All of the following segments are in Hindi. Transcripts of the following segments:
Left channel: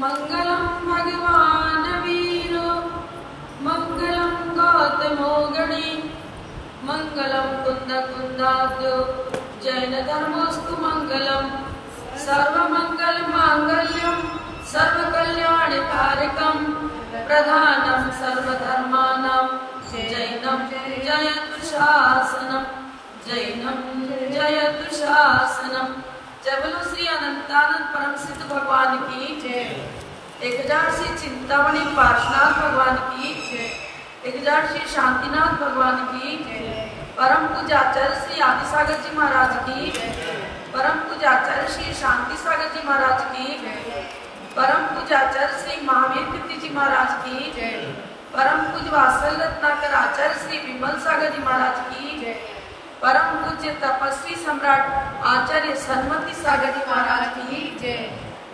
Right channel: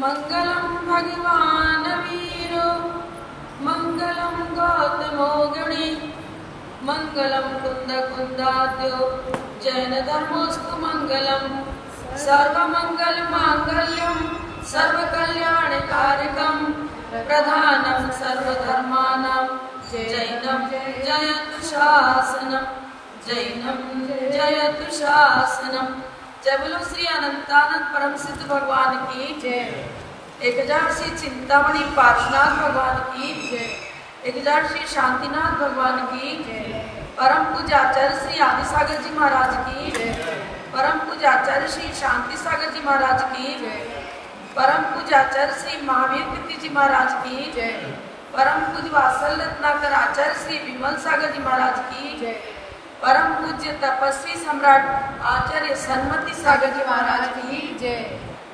मंगलम भगवान वीरो मंगलम गौतमोगणी मंगलम कुंदकुंदाद्यो जैन धर्मोस्तु मंगलम सर्वमंगल मांगल्यम सर्वकल्याणकारकम प्रधानम सर्वधर्माणां जैनम जयतु शासनम जैनम जयतु शासनम। जय बोलो श्री अनंतानंद परम सिद्ध भगवान की जय। 1000 श्री चिंतामणि पार्श्वनाथ भगवान की जय। 1000 श्री शांतिनाथ भगवान की जय। परम पूज्य आचार्य श्री आदिसागर जी महाराज की जय। परम पूज्य आचार्य श्री शांति सागर जी महाराज की जय। परम पूज्य आचार्य श्री महावीर कीर्ति जी महाराज की जय। परम पूज्य वात्सल रत्नाकर आचार्य श्री विमल सागर जी महाराज की जय। परम पूज्य तपस्वी सम्राट आचार्य सन्मति सागर जी महाराज की जय।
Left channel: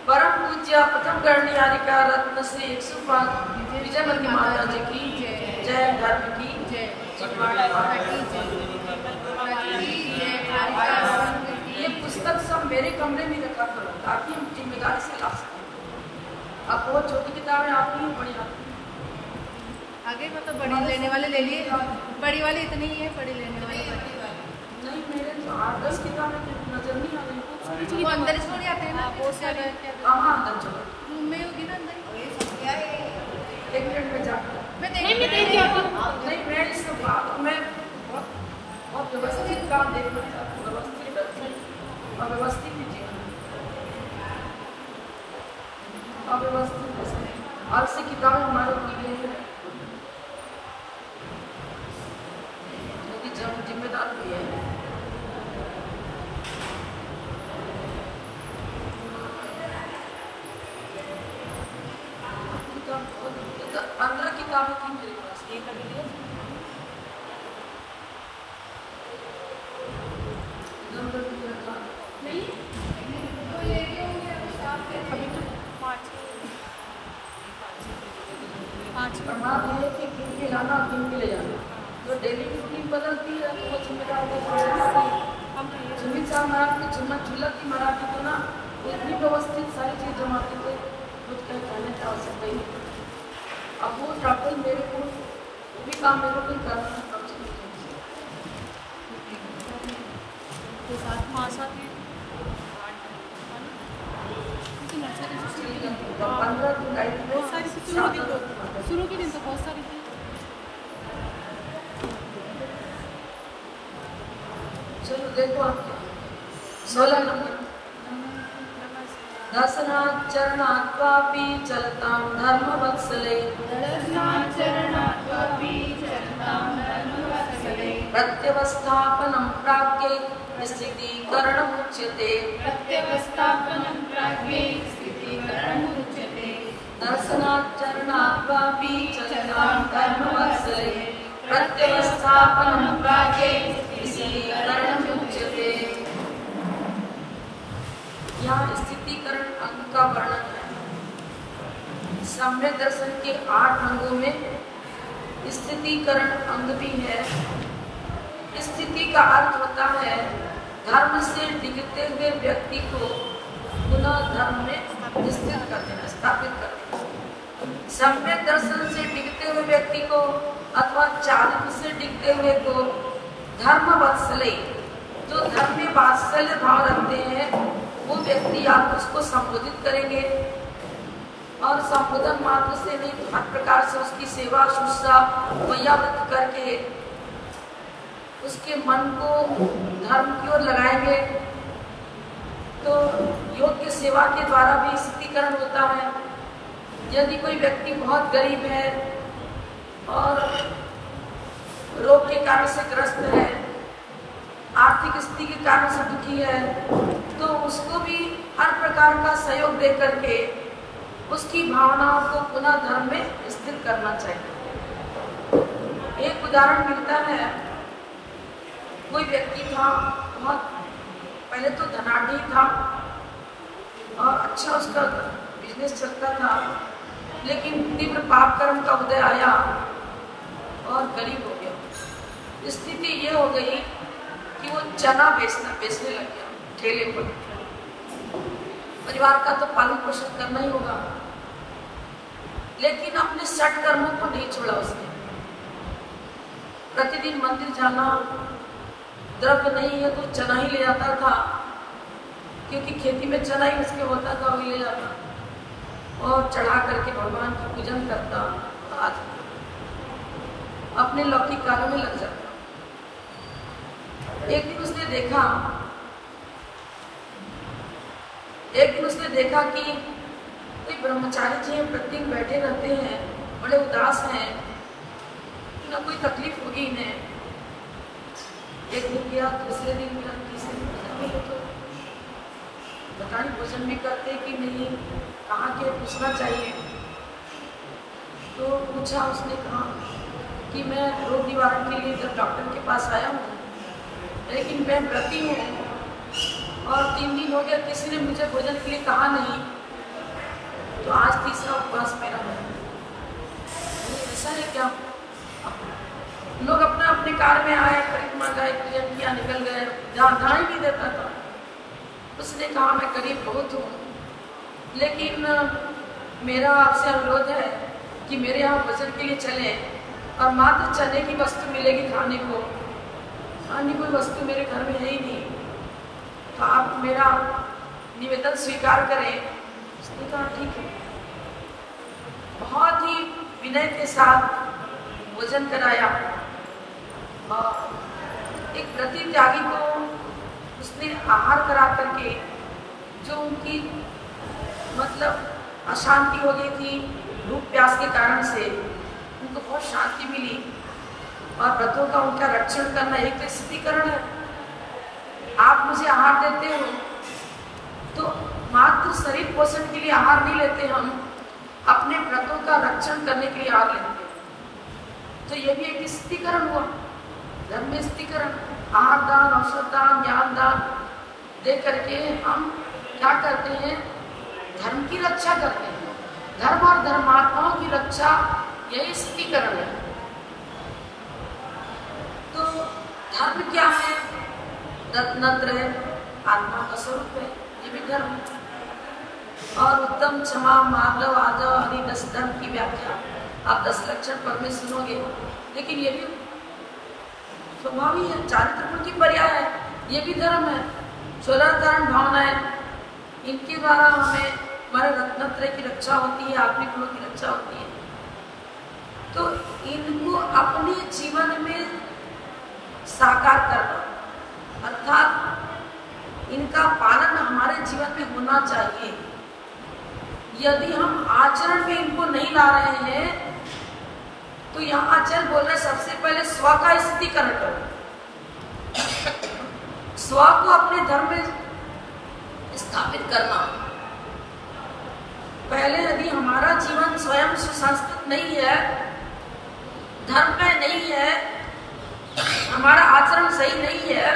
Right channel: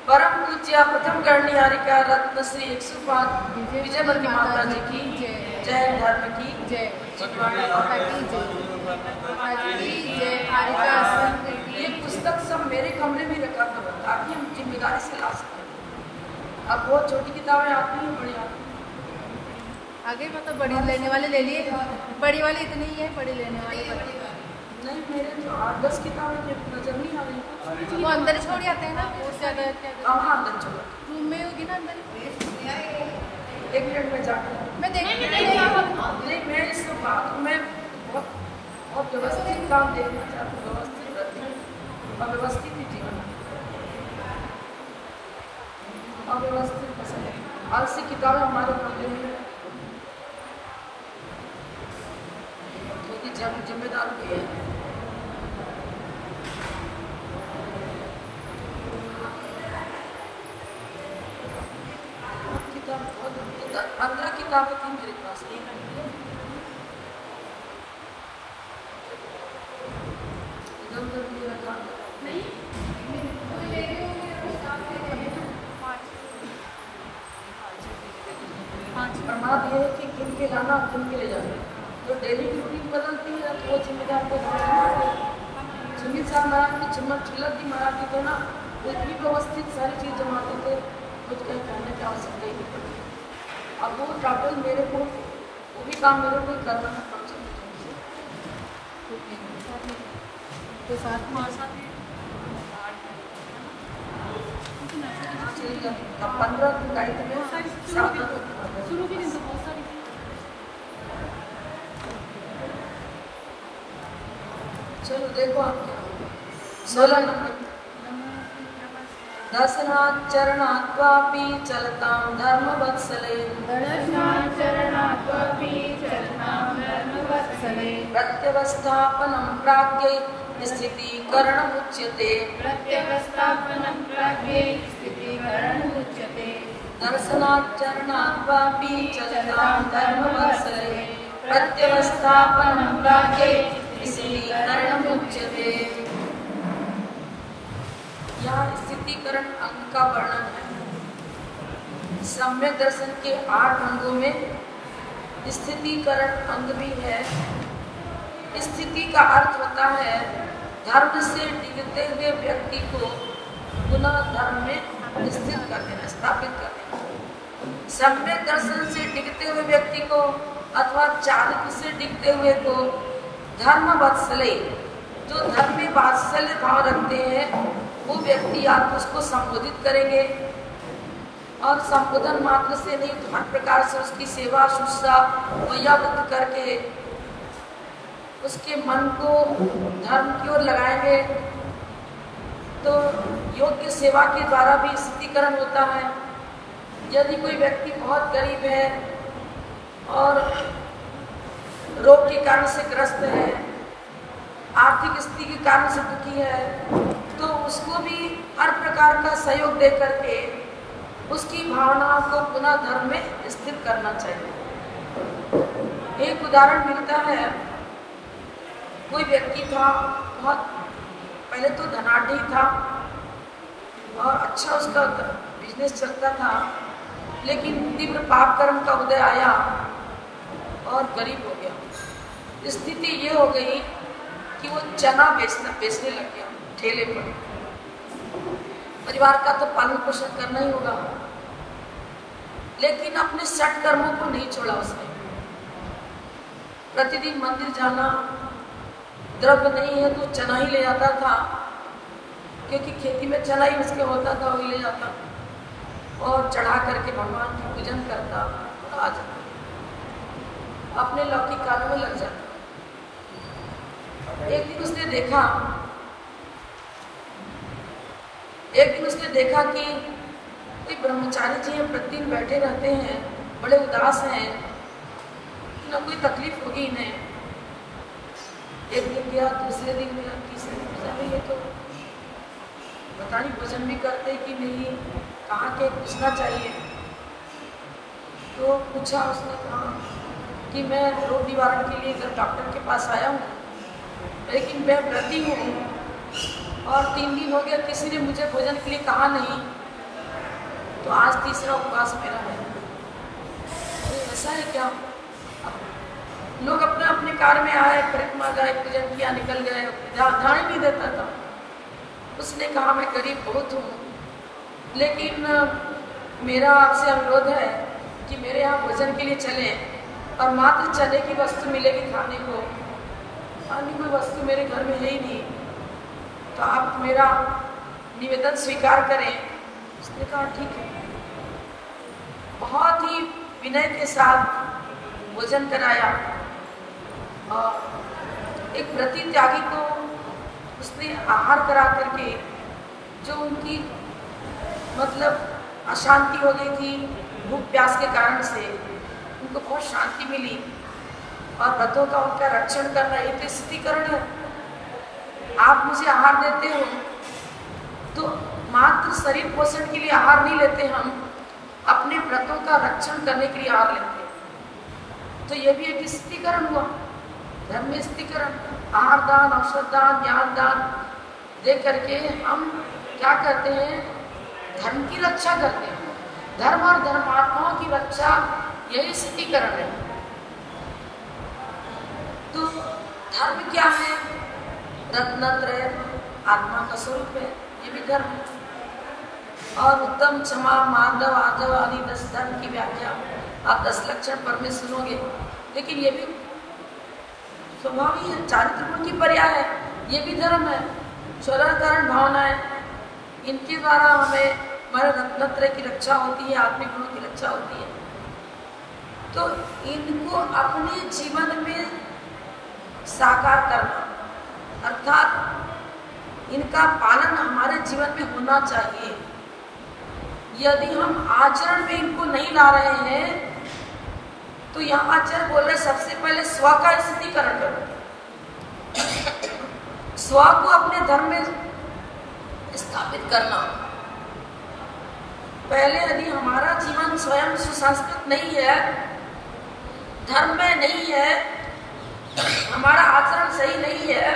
परम पूज्य प्रथम गणनिहारिका रत्न श्री 105 विजयवती माता जी की जय। जय धर्म की जय। ये पुस्तक सब मेरे कमरे में रखा करो ताकि हम जिम्मेदारी से ला सकें। अब बहुत छोटी किताबें आती हैं, बड़ी आती हैं। आगे में तो बड़ी लेने वाले ले लिए, बड़ी वाली इतनी ही है, बड़ी लेने वाली नहीं। मेरे 8-10 किताबें नजर नहीं आ रही। वो अंदर छोड़ आते हैं ना, वो से कहाँ अंदर चलो रूम में होगी ना अंदर। 1 मिनट में जाकर मैं देखने नहीं, मैं इस बात में बहुत व्यवस्थित काम देखना चाहती हूँ, व्यवस्थित रखने और व्यवस्थित ही जीवन, अव्यवस्थित आज से किताबें हमारे पढ़ने हैं क्योंकि जब जिम्मेदार भी है। किताब 15 किताबें थी मेरे पास, नहीं प्रमाद है कि किन के लाना किन के ले जाना। जो डेली की टीम बदलती है तो वो जिम्मेदार जिम्मी साहब महाराज की चम्मच चुल्लक की मरा के दो ना, वो इतनी व्यवस्थित सारी चीज जमा करते कुछ कहीं कहने की आवश्यकता ही नहीं पड़ती। अब वो टोटल मेरे को वो भी काम मेरे को करना है। कम से कम तो 7 मास 15 जुलाई शुरू के दिन तो बहुत सारी चलो देखो 16 नंबर दर्शनाथ चरणात्वापि चलतां धर्म वत्सले प्रत्यवस्थापनं प्राज्ञे स्थितीकरणमुच्यते दर्शनात् चरणात्वापि चलतां धर्म वत्सले प्रत्यवस्थापनं प्राज्ञे स्थितीकरणमुच्यते। यहाँ स्थितीकरण अंग का वर्णन है। सम्यक दर्शन के 8 अंगों में स्थितीकरण अंग भी है। स्थिति का अर्थ होता है धर्म से डिगते हुए व्यक्ति को पुनः धर्म में स्थित कर देना, स्थापित कर देना। सम्यक दर्शन से डिगते हुए व्यक्ति को अथवा चाणक्य से डिगते हुए को धर्म वत्सले, जो धर्म में वात्सल्य भाव रखते हैं वो व्यक्ति आप उसको संबोधित करेंगे और संबोधन मात्र से नहीं, हर प्रकार से उसकी सेवा शुश्रूषा व्यक्त करके उसके मन को धर्म की ओर लगाएंगे। तो योग की सेवा के द्वारा भी स्थितीकरण होता है। यदि कोई व्यक्ति बहुत गरीब है और रोग के कारण से ग्रस्त है, आर्थिक स्थिति के कारण से दुखी है, तो उसको भी हर प्रकार का सहयोग दे करके उसकी भावनाओं को पुनः धर्म में स्थित करना चाहिए। एक उदाहरण मिलता है, कोई व्यक्ति था, बहुत पहले तो धनाढ़ी था और अच्छा उसका बिजनेस चलता था, लेकिन तीव्र पाप कर्म का उदय आया और गरीब हो गया। स्थिति ये हो गई कि वो चना बेचने लग गया ठेले पर। परिवार का तो पालन पोषण करना ही होगा, लेकिन अपने षट कर्मों को नहीं छोड़ा उसने। प्रतिदिन मंदिर जाना, द्रव्य नहीं है तो चना ही ले जाता था, क्योंकि खेती में चना ही उसके होता था, वही ले जाता और चढ़ा करके भगवान का पूजन करता, आ जाता, अपने लौकिक कार्यों में लग जाता। एक दिन उसने देखा कि कोई ब्रह्मचारी जी हैं, प्रतिदिन बैठे रहते हैं, बड़े उदास हैं, ना कोई तकलीफ होगी इन्हें। एक दिन गया, दूसरे दिन गया, तीसरे दिन पता नहीं है तो पता नहीं भोजन भी करते कि नहीं, कहाँ के पूछना चाहिए। तो पूछा, उसने कहा कि मैं रोग निवारण के लिए जब डॉक्टर के पास आया हूँ, लेकिन मैं व्रती हूँ और 3 दिन हो गए, किसी ने मुझे भोजन के लिए कहा नहीं, तो आज तीसरा उपवास मेरा है। ऐसा है क्या? लोग अपना अपने कार में आए, परिक्रमा गए, पूजन किया, निकल गए, ध्यान ही नहीं देता था। उसने कहा मैं गरीब बहुत हूँ, लेकिन मेरा आपसे अनुरोध है कि मेरे यहाँ भोजन के लिए चले और मात्र चने की वस्तु मिलेगी खाने को, अन्य कोई वस्तु मेरे घर में है ही नहीं, तो आप मेरा निवेदन स्वीकार करें। उसने कहा ठीक है। बहुत ही विनय के साथ भोजन कराया और एक व्रती त्यागी को उसने आहार करा करके, जो उनकी मतलब अशांति हो गई थी भूख प्यास के कारण से, उनको बहुत शांति मिली। और व्रतों का उनका रक्षण करना एक स्थितिकरण है। आप मुझे आहार देते हो तो मात्र शरीर पोषण के लिए आहार नहीं लेते, हम अपने व्रतों का रक्षण करने के लिए आहार लेते हैं। तो यह भी एक स्थितिकरण हुआ, धर्म स्थितिकरण। आहार दान, औषध दान, ज्ञान दान दे करके हम क्या करते हैं, धर्म की रक्षा करते हैं। धर्म और धर्मात्माओं की रक्षा यही स्थितिकरण है। तो धर्म क्या है? रत्नत्रय आत्मा का स्वरूप है, ये भी धर्म है। और उत्तम, क्षमा, माधव, आदव आदि 10 धर्म की व्याख्या आप 10 लक्षण पर में सुनोगे, लेकिन ये भी स्वभाव ही है, चारित्र गुण की पर्याय है, ये भी धर्म है। 16 धारण भावनाएं, इनके द्वारा हमें हमारे रत्नत्रय की रक्षा होती है, आत्मिक गुणों की रक्षा होती है। तो इनको अपने जीवन में साकार करना, अर्थात इनका पालन हमारे जीवन में होना चाहिए। यदि हम आचरण में इनको नहीं ला रहे हैं, तो यहाँ आचार्य बोल रहे सबसे पहले स्व का स्थितिकरण करो, स्व को अपने धर्म में स्थापित करना। पहले यदि हमारा जीवन स्वयं सुसंस्कृत नहीं है, धर्म में नहीं है, हमारा आचरण सही नहीं है,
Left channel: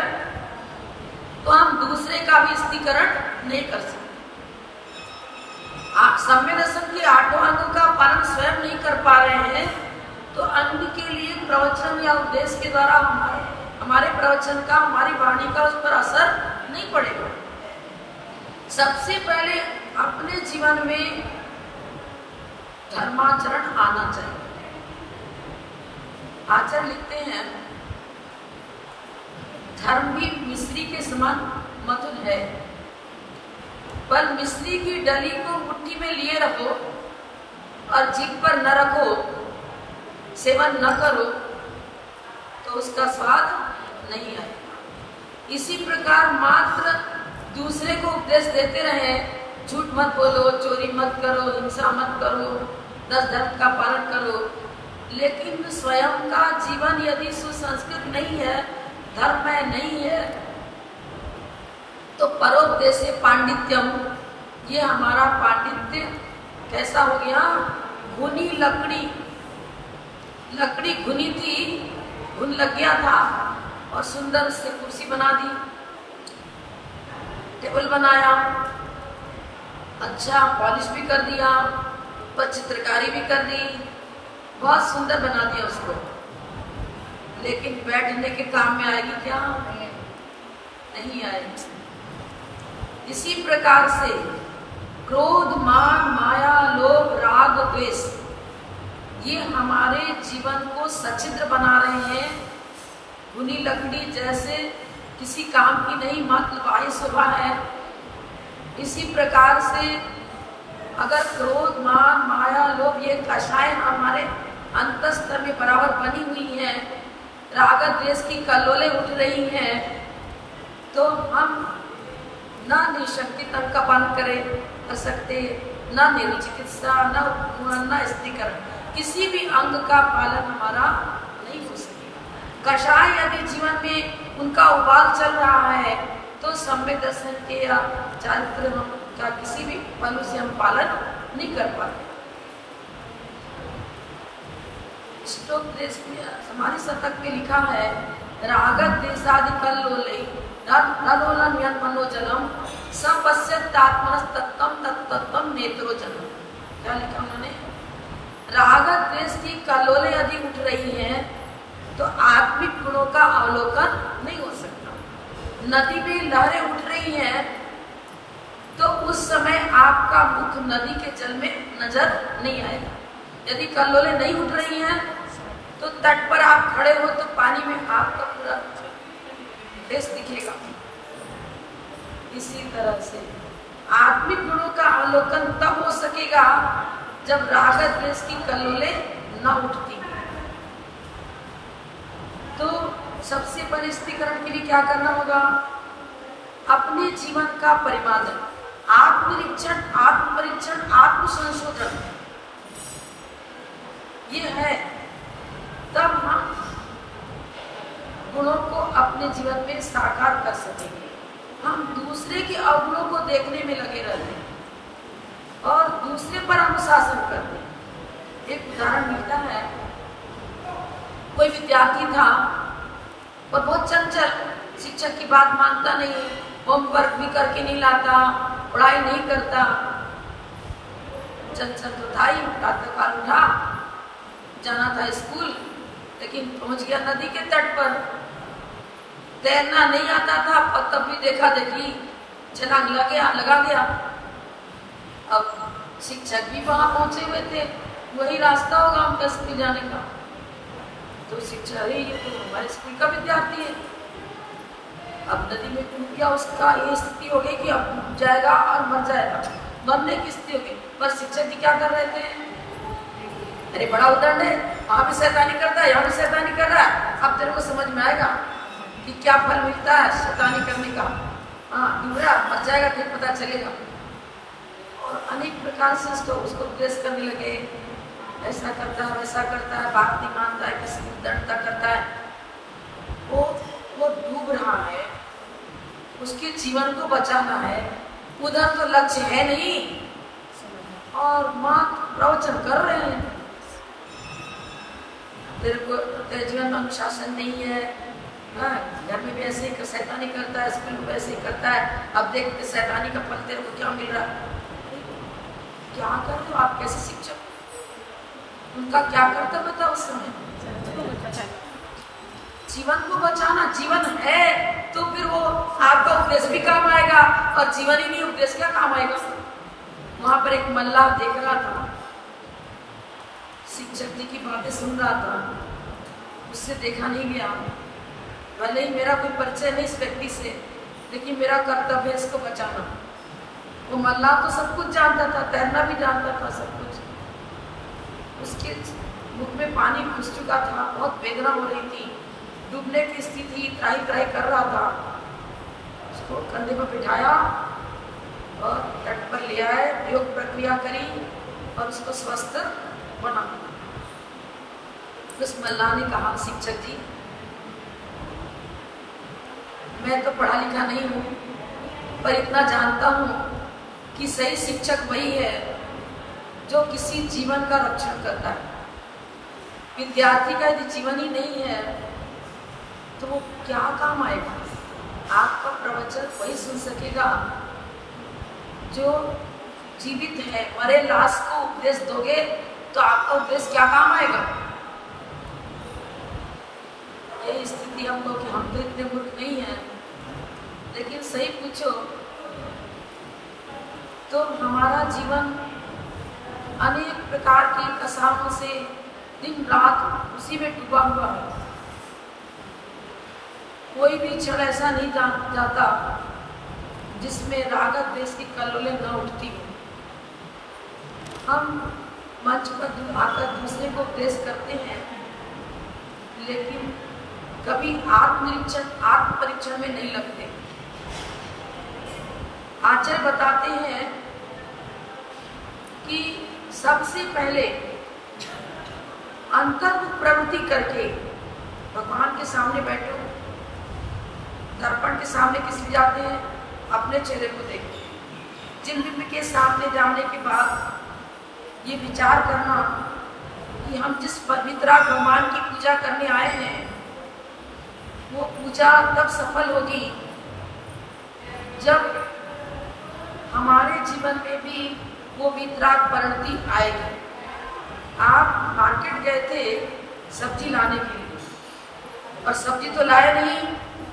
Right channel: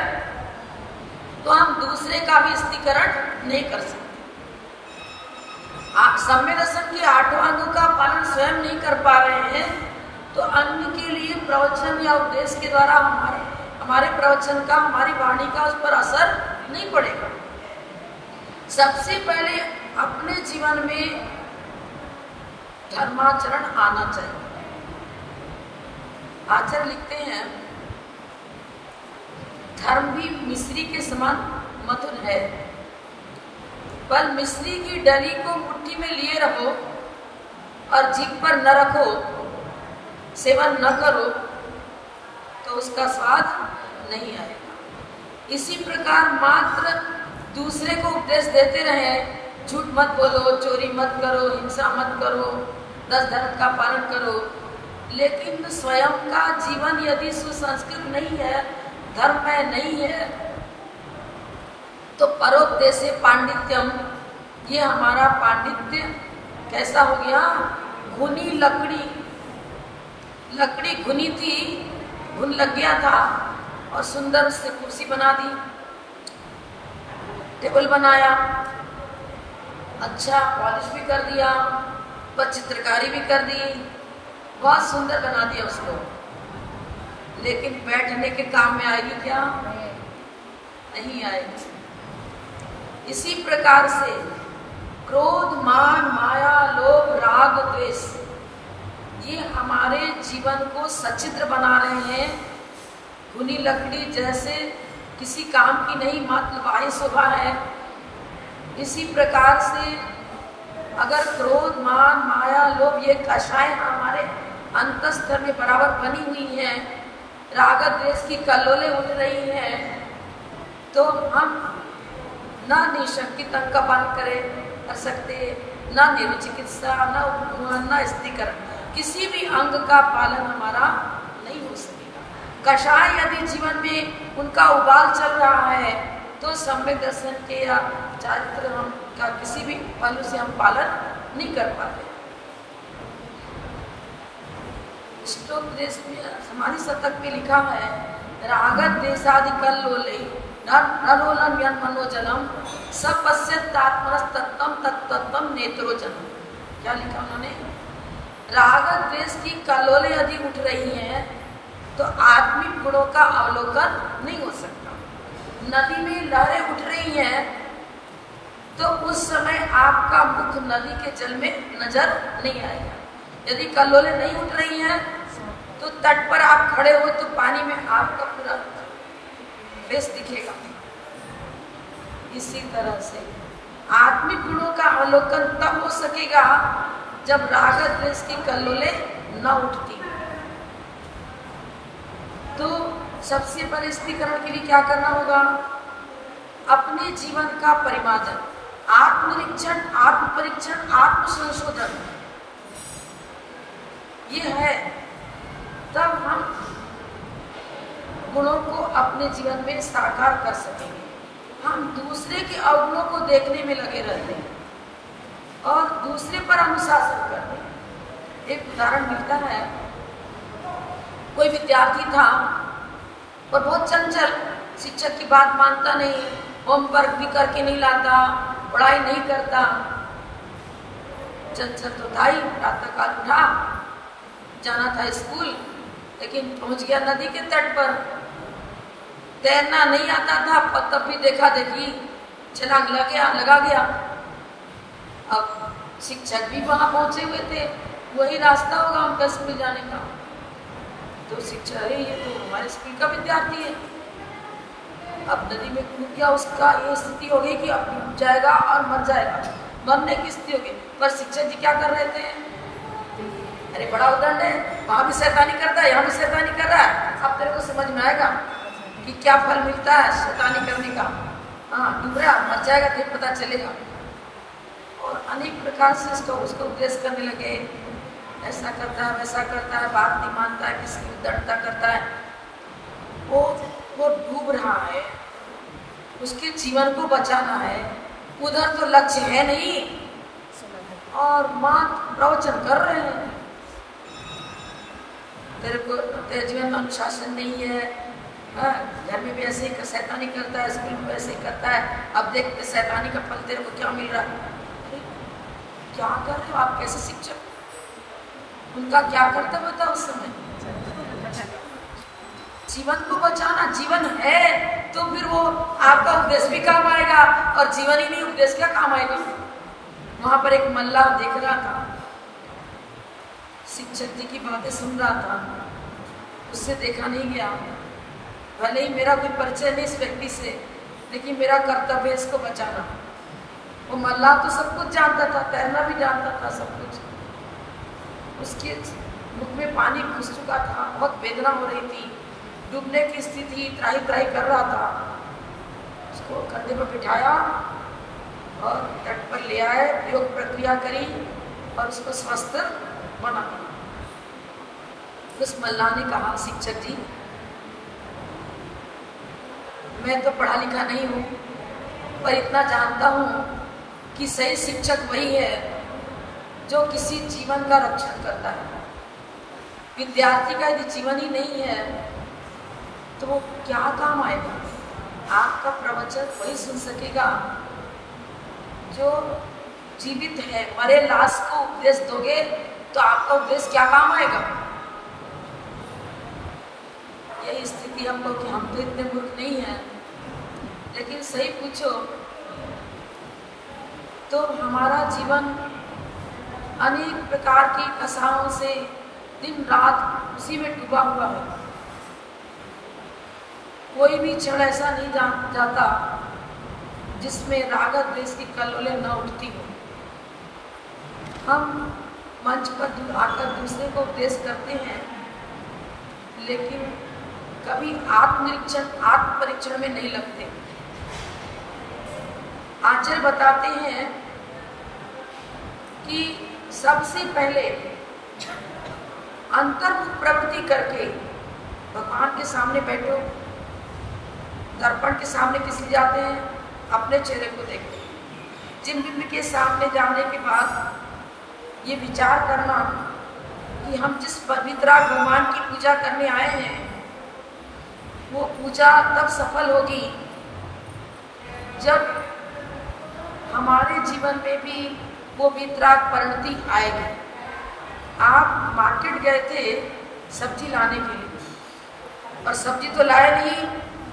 तो हम दूसरे का भी स्थितिकरण नहीं कर सकते। सम्यक दर्शन के 8 अंगों का पालन स्वयं नहीं कर पा रहे हैं, तो अन्य के लिए प्रवचन या उपदेश के द्वारा हमारे प्रवचन का, हमारी वाणी का उस पर असर नहीं पड़ेगा। सबसे पहले अपने जीवन में धर्माचरण आना चाहिए। आचार्य लिखते हैं, धर्म भी मिश्री के समान मधुर है, पर मिश्री की डली को मुट्ठी में लिए रहो और जीभ पर न रखो, सेवन न करो, तो उसका स्वाद नहीं आए। इसी प्रकार मात्र दूसरे को उपदेश देते रहे, झूठ मत बोलो, चोरी मत करो, हिंसा मत करो, 10 धर्म का पालन करो, लेकिन स्वयं का जीवन यदि सुसंस्कृत नहीं है, धर्म में नहीं है, तो परोपदेशे पांडित्यम, ये हमारा पांडित्य कैसा हो गया? घुनी लकड़ी घुनी थी, घुन लग गया था और सुंदर से कुर्सी बना दी, टेबल बनाया, अच्छा पॉलिश भी कर दिया, पर चित्रकारी भी कर दी, बहुत सुंदर बना दिया उसको, लेकिन बैठने के काम में आएगी क्या? नहीं आएगी। इसी प्रकार से क्रोध, मान, माया, लोभ, राग, द्वेष, ये हमारे जीवन को सचित्र बना रहे हैं। भुनी लकड़ी जैसे किसी काम की नहीं, मात्र वायु शोभा है। इसी प्रकार से अगर क्रोध, मान, माया, लोभ ये कषाय हमारे अंतस्तर में बराबर बनी हुई हैं, राग द्वेष की कल्लोलें उठ रही हैं, तो हम न निशंकित अंग का पालन कर सकते, न निर्चिकित्सा, न स्त्रीकरण, किसी भी अंग का पालन हमारा नहीं हो सकेगा। कषाय यदि जीवन में उनका उबाल चल रहा है तो सम्यक दर्शन के या चारित्र का किसी भी अंग से हम पालन नहीं कर पाते। समाधि शतक में लिखा है, रागत देशादि कल्लोले नरोलन यन मनोजलम सब पश्यत्यात्मनस तत्तम नेत्रोजलम। क्या लिखा उन्होंने? रागत द्वेष की कल्लोलें यदि उठ रही हैं तो आत्मिक गुणों का अवलोकन नहीं हो सकता। नदी में लहरें उठ रही हैं तो उस समय आपका मुख नदी के जल में नजर नहीं आएगा। यदि कल्लोलें नहीं उठ रही हैं तो तट पर आप खड़े हो तो पानी में आपका पूरा फेस दिखेगा। इसी तरह से आत्मिक गुणों का अवलोकन तब हो सकेगा जब राग द्वेष की कल्लोलें न उठती। तो सबसे पहले स्त्रीकरण के लिए क्या करना होगा? अपने जीवन का परिमार्जन, आत्मनिरीक्षण, आत्मपरीक्षण, आत्मसंशोधन ये है, तब हम गुणों को अपने जीवन में साकार कर सकेंगे। हम दूसरे के अवगुणों को देखने में लगे रहते हैं और दूसरे पर अनुशासन करते हैं। एक उदाहरण मिलता है, कोई विद्यार्थी था और बहुत चंचल, शिक्षक की बात मानता नहीं, होमवर्क भी करके नहीं लाता, पढ़ाई नहीं करता, चंचल तो था ही। प्रातःकाल उठा, जाना था स्कूल, लेकिन पहुंच गया नदी के तट पर। तैरना नहीं आता था, तब भी देखा देखी छलांग लगा गया। अब शिक्षक भी वहां पहुंचे हुए थे, वही रास्ता होगा उनका स्कूल जाने का। तो शिक्षक, अरे ये तो हमारे स्कूल का विद्यार्थी है। अब नदी में कूद गया, उसका ये स्थिति हो गई कि अब डूब जाएगा और मर जाएगा, मरने की स्थिति हो गई। पर शिक्षक जी क्या कर रहे थे? अरे बड़ा उदाहरण है, वहां भी शैतानी करता है, यहाँ भी शैतानी कर रहा है। अब तेरे को समझ में आएगा कि क्या फल मिलता है शैतानी करने का। हाँ, डूब रहा, मर जाएगा, फिर पता चलेगा। और अनेक प्रकार से उसको उपदेश करने लगे, ऐसा करता है, वैसा करता है, बात नहीं मानता है, किसी को दंडता करता है। वो डूब रहा है, उसके जीवन को बचाना है, उधर तो लक्ष्य है नहीं और मात्र प्रवचन कर रहे हैं। तेरे जीवन में अनुशासन नहीं है, घर में भी ऐसे ही शैतानी करता है, स्कूल में ऐसे ही करता है। अब देख शैतानी का फल तेरे को क्या मिल रहा है? क्या कर रहे हो आप? कैसे शिक्षक? उनका क्या कर्तव्य था उस समय? जीवन को बचाना। जीवन है तो फिर वो आपका उपदेश भी काम आएगा, और जीवन ही नहीं उपदेश क्या काम आएगा? वहां पर एक मल्लाह देख रहा था, शिक्षक जी की बातें सुन रहा था, उससे देखा नहीं गया। भले ही मेरा कोई परिचय नहीं इस व्यक्ति से, लेकिन मेरा कर्तव्य है इसको बचाना। वो मल्लाह तो सब कुछ जानता था, तैरना भी जानता था, सब कुछ। उसके मुख में पानी घुस चुका था, बहुत वेदना हो रही थी, डूबने की स्थिति, त्राही त्राही कर रहा था। उसको कंधे पर बिठाया और तट पर ले आए, योग प्रक्रिया करी और उसको स्वस्थ बना। उस मल्लाह ने कहा, शिक्षक जी मैं तो पढ़ा लिखा नहीं हूँ, पर इतना जानता हूँ कि सही शिक्षक वही है जो किसी जीवन का रक्षण करता है। विद्यार्थी का यदि जीवन ही नहीं है तो क्या काम आएगा? आपका प्रवचन वही सुन सकेगा जो जीवित है। मरे लाश को उपदेश दोगे तो आपका उपदेश क्या काम आएगा? यही स्थिति हम लोग, हम तो इतने मूर्ख नहीं हैं, लेकिन सही पूछो तो हमारा जीवन अनेक प्रकार की कसाओं से, दिन रात उसी में डूबा हुआ है। कोई भी क्षण ऐसा नहीं जाता जिसमें राग द्वेष की कलोलें न उठती हो। हम मंच पर आकर दूसरे को उपदेश करते हैं, लेकिन कभी आत्म परीक्षण में नहीं लगते। आचार्य बताते हैं कि सबसे पहले अंतर्मुख प्रवृत्ति करके भगवान के सामने बैठो। दर्पण के सामने किसी जाते हैं, अपने चेहरे को देखो। चिन्ह के सामने जाने के बाद ये विचार करना कि हम जिस पवित्र भगवान की पूजा करने आए हैं वो पूजा तब सफल होगी जब हमारे जीवन में भी वो वितराग परिणति आएगी। आप मार्केट गए थे सब्जी लाने के लिए और सब्जी तो लाए नहीं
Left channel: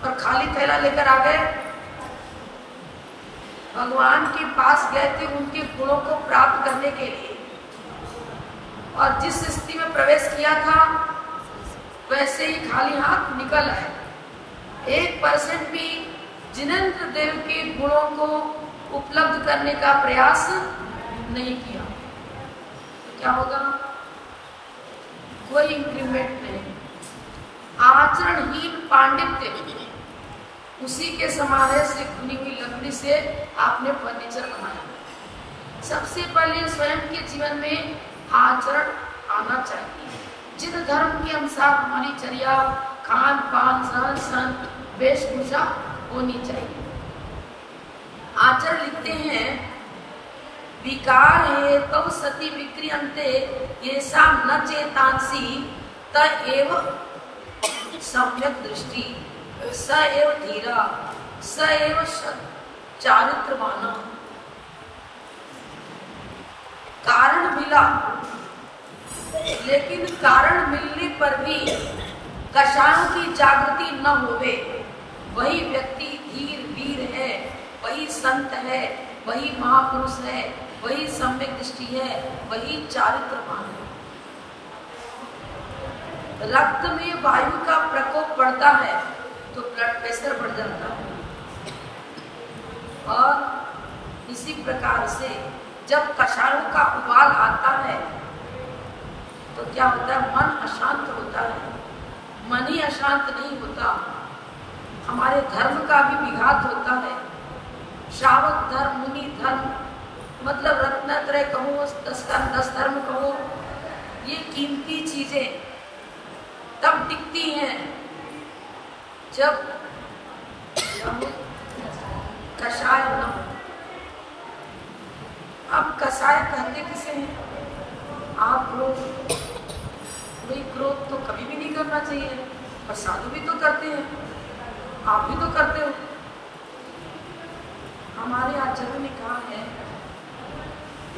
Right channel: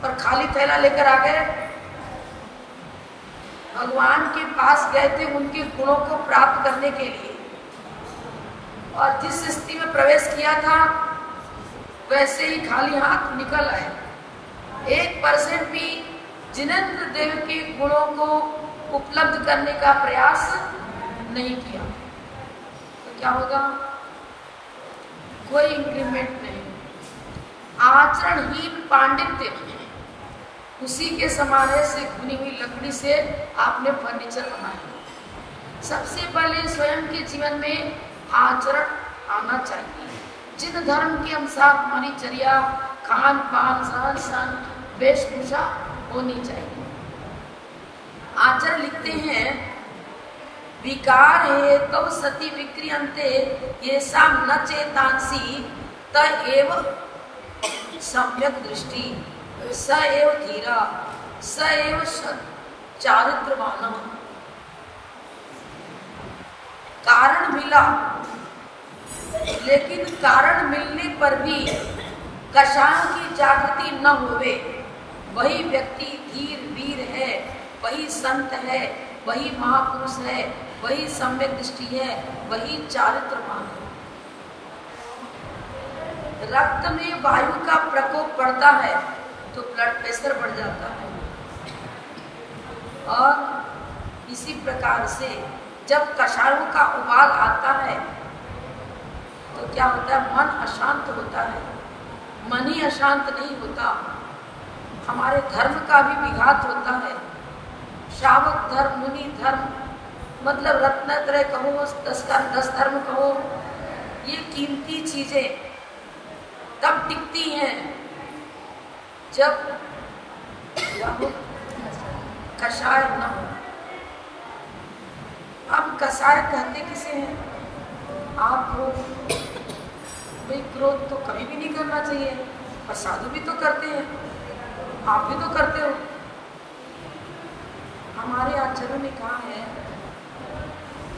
और खाली थैला लेकर आ गए। भगवान के पास गए थे उनके गुणों को प्राप्त करने के लिए, और जिस स्थिति में प्रवेश किया था वैसे ही खाली हाथ निकल आए। 1% भी जिनेंद्र देव के गुणों को उपलब्ध करने का प्रयास नहीं किया तो क्या होगा? कोई इंक्रीमेंट नहीं। आचरणहीन पांडित्य उसी के समाने से खुनी हुई लकड़ी से आपने फर्नीचर बनाया। सबसे पहले स्वयं के जीवन में आचरण आना चाहिए। जिन धर्म के अनुसार हमारी चर्या, खान पान, सहन सहन, वेशभूषा होनी चाहिए। आचार्य लिखते हैं, विकार है तब सती विक्रियन्ते ये साम न चेतांसी तएव सम्यक दृष्टि स एव धीरा स एव चारित्रवान। कारण मिला, लेकिन कारण मिलने पर भी कषायों की जागृति न होवे, वही व्यक्ति धीर वीर है, वही संत है, वही महापुरुष है, वही सम्यक दृष्टि है, वही चारित्रवान है। रक्त में वायु का प्रकोप बढ़ता है तो ब्लड प्रेशर बढ़ जाता है, और इसी प्रकार से जब कषायों का उबाल आता है तो क्या होता है? मन अशांत होता है। मन ही अशांत नहीं होता, हमारे धर्म का भी विघात होता है। श्रावक धर्म, मुनि धर्म, मतलब रत्नत्रय कहो, 10 धर्म कहो, ये कीमती चीजें तब टिकती हैं जब कषाय न हो। अब कषाय कहते किसे हैं? आप हो भाई, क्रोध तो कभी भी नहीं करना चाहिए, पर साधु भी तो करते हैं, आप भी तो करते हो। हमारे आचार्यों ने कहा है,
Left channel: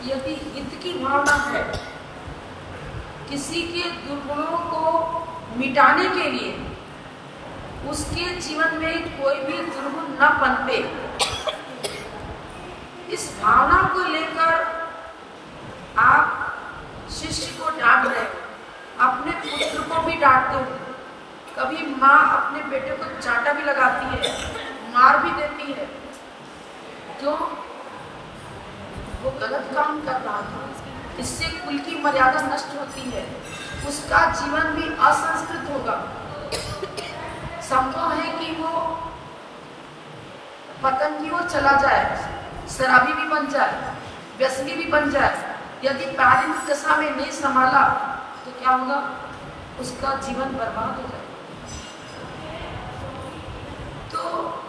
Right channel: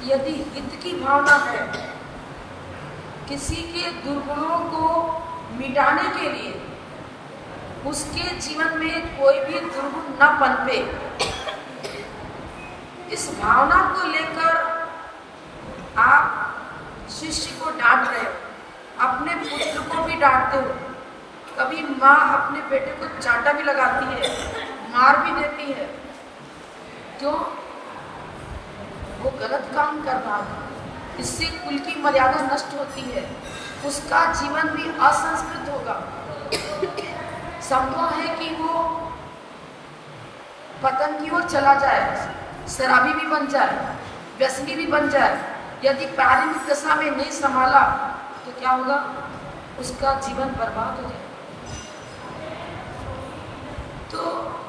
यदि हित की भावना है, किसी के दुर्गुणों को मिटाने के लिए उसके जीवन में कोई भी दुर्गुण न पनपे, इस भावना को लेकर आप शिष्य को डांट रहे हो, अपने पुत्र को भी डांटते हो। कभी माँ अपने बेटे को चाटा भी लगाती है, मार भी देती है। क्यों? वो गलत काम कर रहा है, इससे कुल की मर्यादा नष्ट होती है, उसका जीवन भी असंस्कृत होगा। संभव है कि वो पतन की ओर चला जाए, शराबी भी बन जाए, व्यसनी भी बन जाए। यदि पारिवारिक दशा में नहीं संभाला तो क्या होगा? उसका जीवन बर्बाद हो जाएगा। तो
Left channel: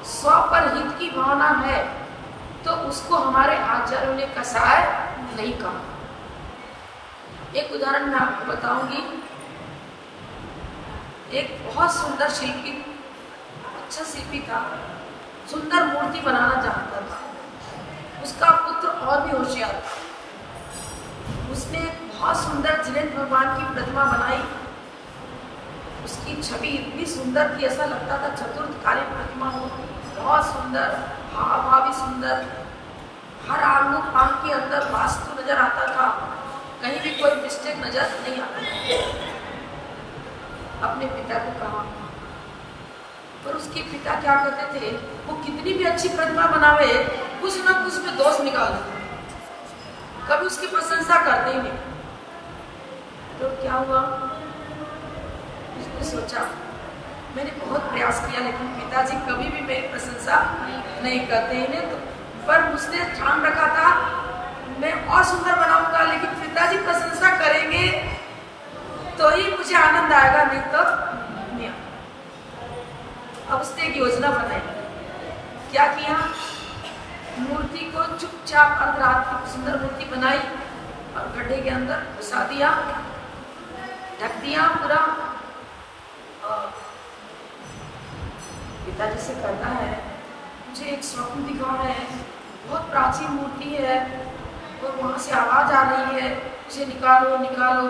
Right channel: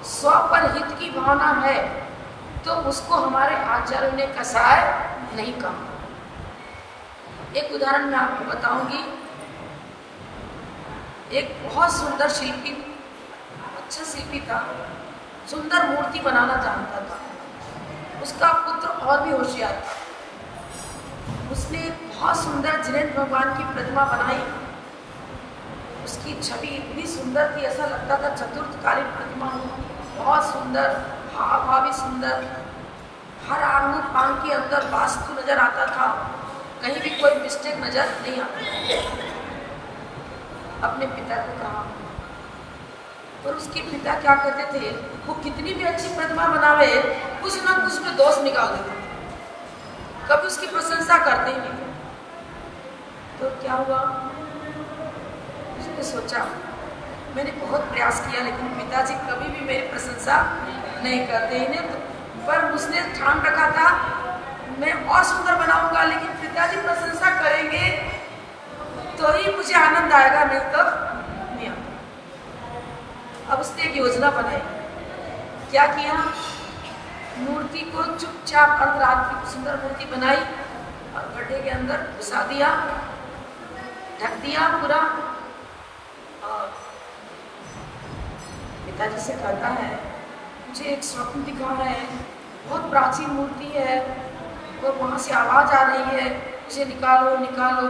स्व पर हित की भावना है तो उसको हमारे आचार्यों ने कषाय नहीं कहा। एक उदाहरण मैं आपको बताऊंगी। एक बहुत सुंदर शिल्पी, अच्छा शिल्पी था, सुंदर मूर्ति बनाना चाहता था। उसका पुत्र और भी होशियार था। उसने बहुत सुंदर जिनेंद्र भगवान की प्रतिमा बनाई। उसकी छवि इतनी सुंदर थी, ऐसा लगता था चतुर्थकालीन प्रतिमा हो। बहुत सुंदर, हाव भाव भी सुंदर, हर आंग पांग के अंदर वास्तु नजर आता था। कहीं भी कोई मिस्टेक नजर नहीं आता। अपने पिता को कहा, और उसके पिता क्या करते थे, वो कितनी भी अच्छी प्रतिभा बनावे कुछ ना कुछ में दोष निकाल देते, कभी उसकी प्रशंसा करते ही नहीं। तो क्या हुआ, उसने सोचा मैंने बहुत प्रयास किया लेकिन पिताजी कभी भी मेरी प्रशंसा नहीं करते इन्हें तो, पर उसने ठान रखा था मैं और सुंदर बनाऊंगा, लेकिन पिताजी प्रशंसा करेंगे तो ही मुझे आनंद आएगा, नहीं तो नहीं। अब उसने एक योजना बनाई। क्या किया, मूर्ति को चुपचाप अर्धरात्रि की सुंदर मूर्ति बनाई और गड्ढे के अंदर घुसा दिया, ढक दिया पूरा। पिताजी से कहता है मुझे एक स्वप्न दिखा है, बहुत प्राचीन मूर्ति है और वहां से आवाज आ रही है, उसे निकालो निकालो।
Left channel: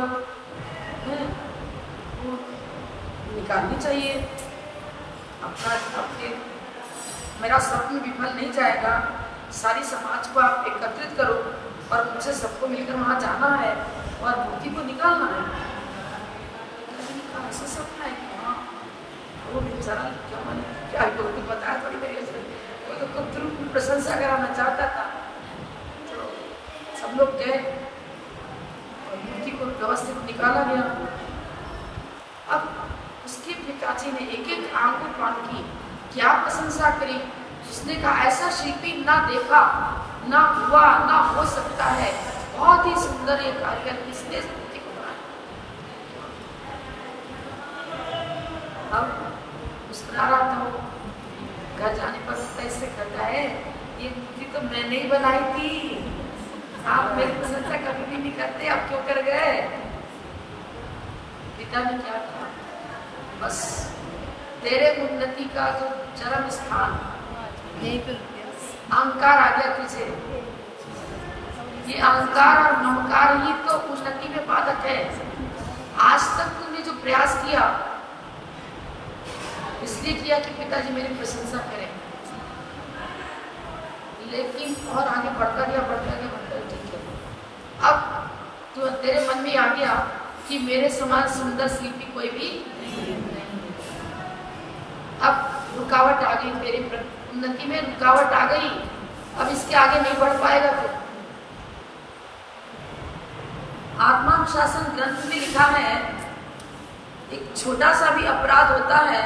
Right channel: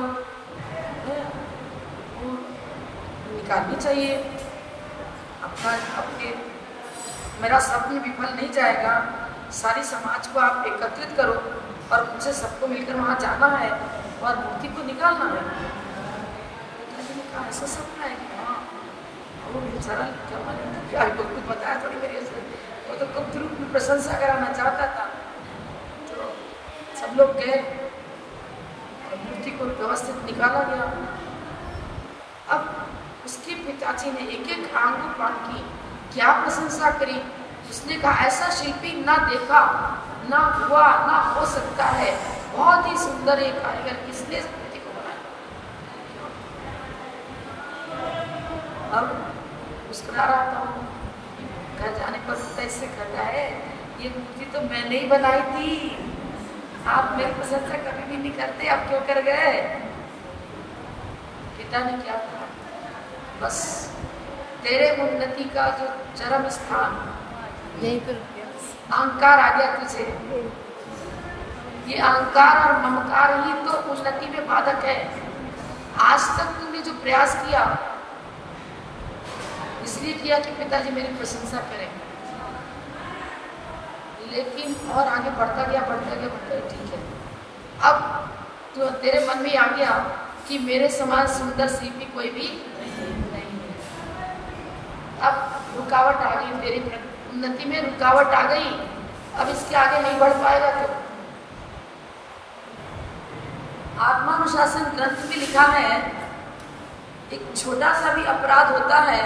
निकालनी चाहिए, आपके मेरा स्वप्न विफल नहीं जाएगा। सारी समाज को आप एकत्रित करो और मुझे सबको मिलकर वहां जाना है और मूर्ति को निकालना है। ऐसा सपना है वो बेचारा क्या तो खुद बताया थोड़ी मेरी, वो तो खुद की प्रशंसा कराना चाहता था। तो सब लोग गए, मूर्ति को व्यवस्थित निकाला गया। अब उसके पिताजी ने एक एक आंख की क्या प्रशंसा करी। उसने कहा ऐसा शिल्पी ना देखा, ना हुआ, ना हो सकता है, बहुत ही सुंदर एक कारीगर, किसने अब मुस्कुरा रहा था। घर जाने पर वो कैसे कहता है ये मूर्ति तो मैंने ही बनाई थी, आप मेरी प्रशंसा कभी भी नहीं करते, आप क्यों कर गए। पिता ने क्या कहा, बस तेरे उन्नति का जो चरम स्थान अहंकार आ गया तुझे। ये अहंकार और ममकार ही तो उन्नति में बाधक है। आज तक तुमने जो प्रयास किया इसलिए किया कि पिताजी मेरी प्रशंसा करें, लेकिन और आगे बढ़ता गया ठीक है। अब तो तेरे मन में आ गया कि मेरे समान सुंदर शिल्पी कोई भी नहीं है। अब रुकावट आ गई, तेरी उन्नति में रुकावट आ गई, अब इसके आगे नहीं बढ़ पाएगा। तो आत्मानुशासन ग्रंथ में लिखा है एक छोटा सा भी अपराध होता है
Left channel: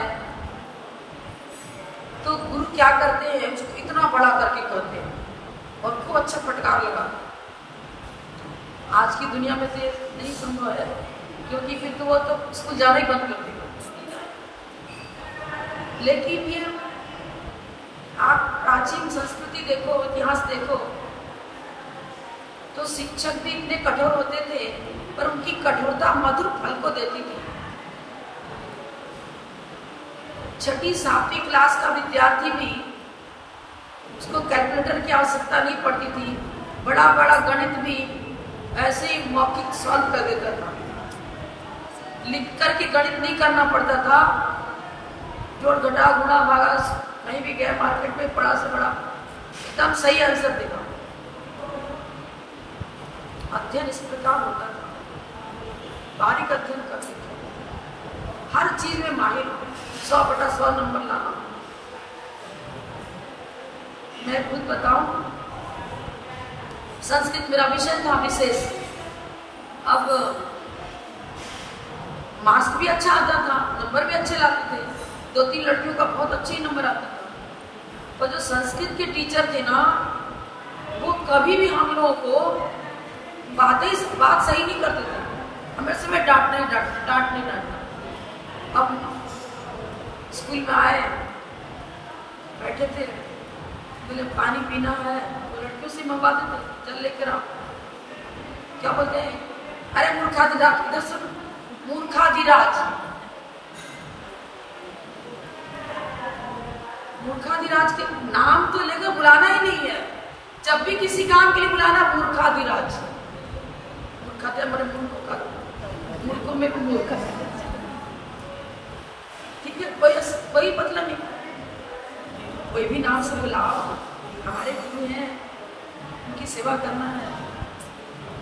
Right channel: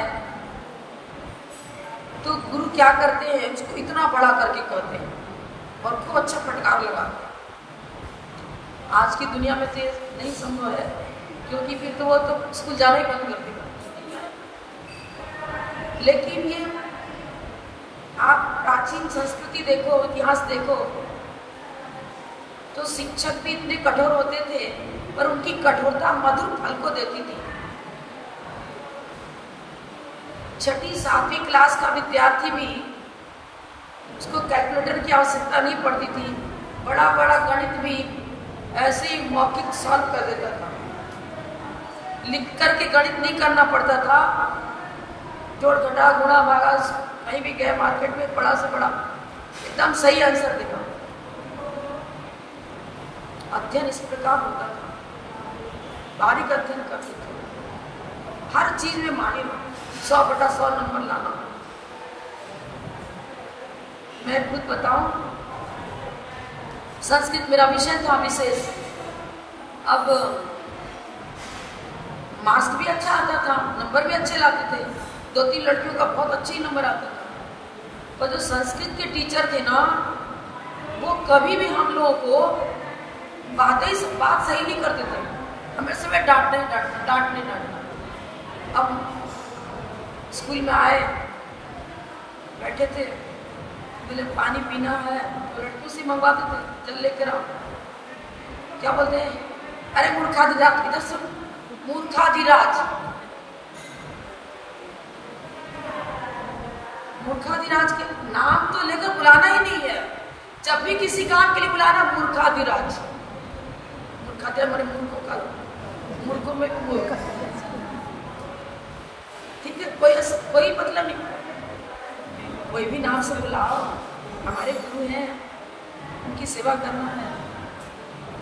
तो गुरु क्या करते हैं, उसको इतना बड़ा करके कहते हैं और खूब अच्छा फटकार लगा। आज की दुनिया में तो नहीं संभव है, क्योंकि फिर तो वो तो स्कूल जाना ही बंद कर देगा। लेकिन ये आप प्राचीन संस्कृति देखो, इतिहास देखो, तो शिक्षक भी इतने कठोर होते थे पर उनकी कठोरता मधुर फल को देती थी। 6ठी 7वीं क्लास का विद्यार्थी भी उसको कैलकुलेटर की आवश्यकता नहीं पड़ती थी, बड़ा बड़ा गणित भी ऐसे ही मौखिक सॉल्व कर देता था, लिख करके गणित नहीं करना पड़ता था। जोड़ घटा गुणा भागा कहीं भी गए मार्केट में, बड़ा से बड़ा एकदम सही आंसर देगा। अध्ययन इस प्रकार होता था, बारीक अध्ययन करते थे, हर चीज में माहिर, 100/100 नंबर लाना। मैं खुद बताऊं, संस्कृत मेरा विषय था विशेष। अब मार्क्स भी अच्छा आता था, नंबर भी अच्छे लाते थे, 2-3 लड़कियों का बहुत अच्छे नंबर आता था। और जो संस्कृत के टीचर थे ना, वो कभी भी हम लोगों को बात सही नहीं करते थे, हमेशा में डांटने। अब स्कूल में आए, बैठे थे, बोले पानी पीना है, तो लड़कियों से मंगवाते थे, चल लेकर आओ। क्या बोलते हैं, अरे मूर्खाधिराज, इधर सुन, मूर्खाधिराज। मूर्खाधिराज के नाम तो लेकर बुलाना ही नहीं है, जब भी किसी काम के लिए बुलाना मूर्खाधिराज। मूर्ख में मूर्ख, ठीक है, कोई मतलब नहीं, कोई भी नाम से बुलाओ, हमारे गुरु हैं, उनकी सेवा करना है।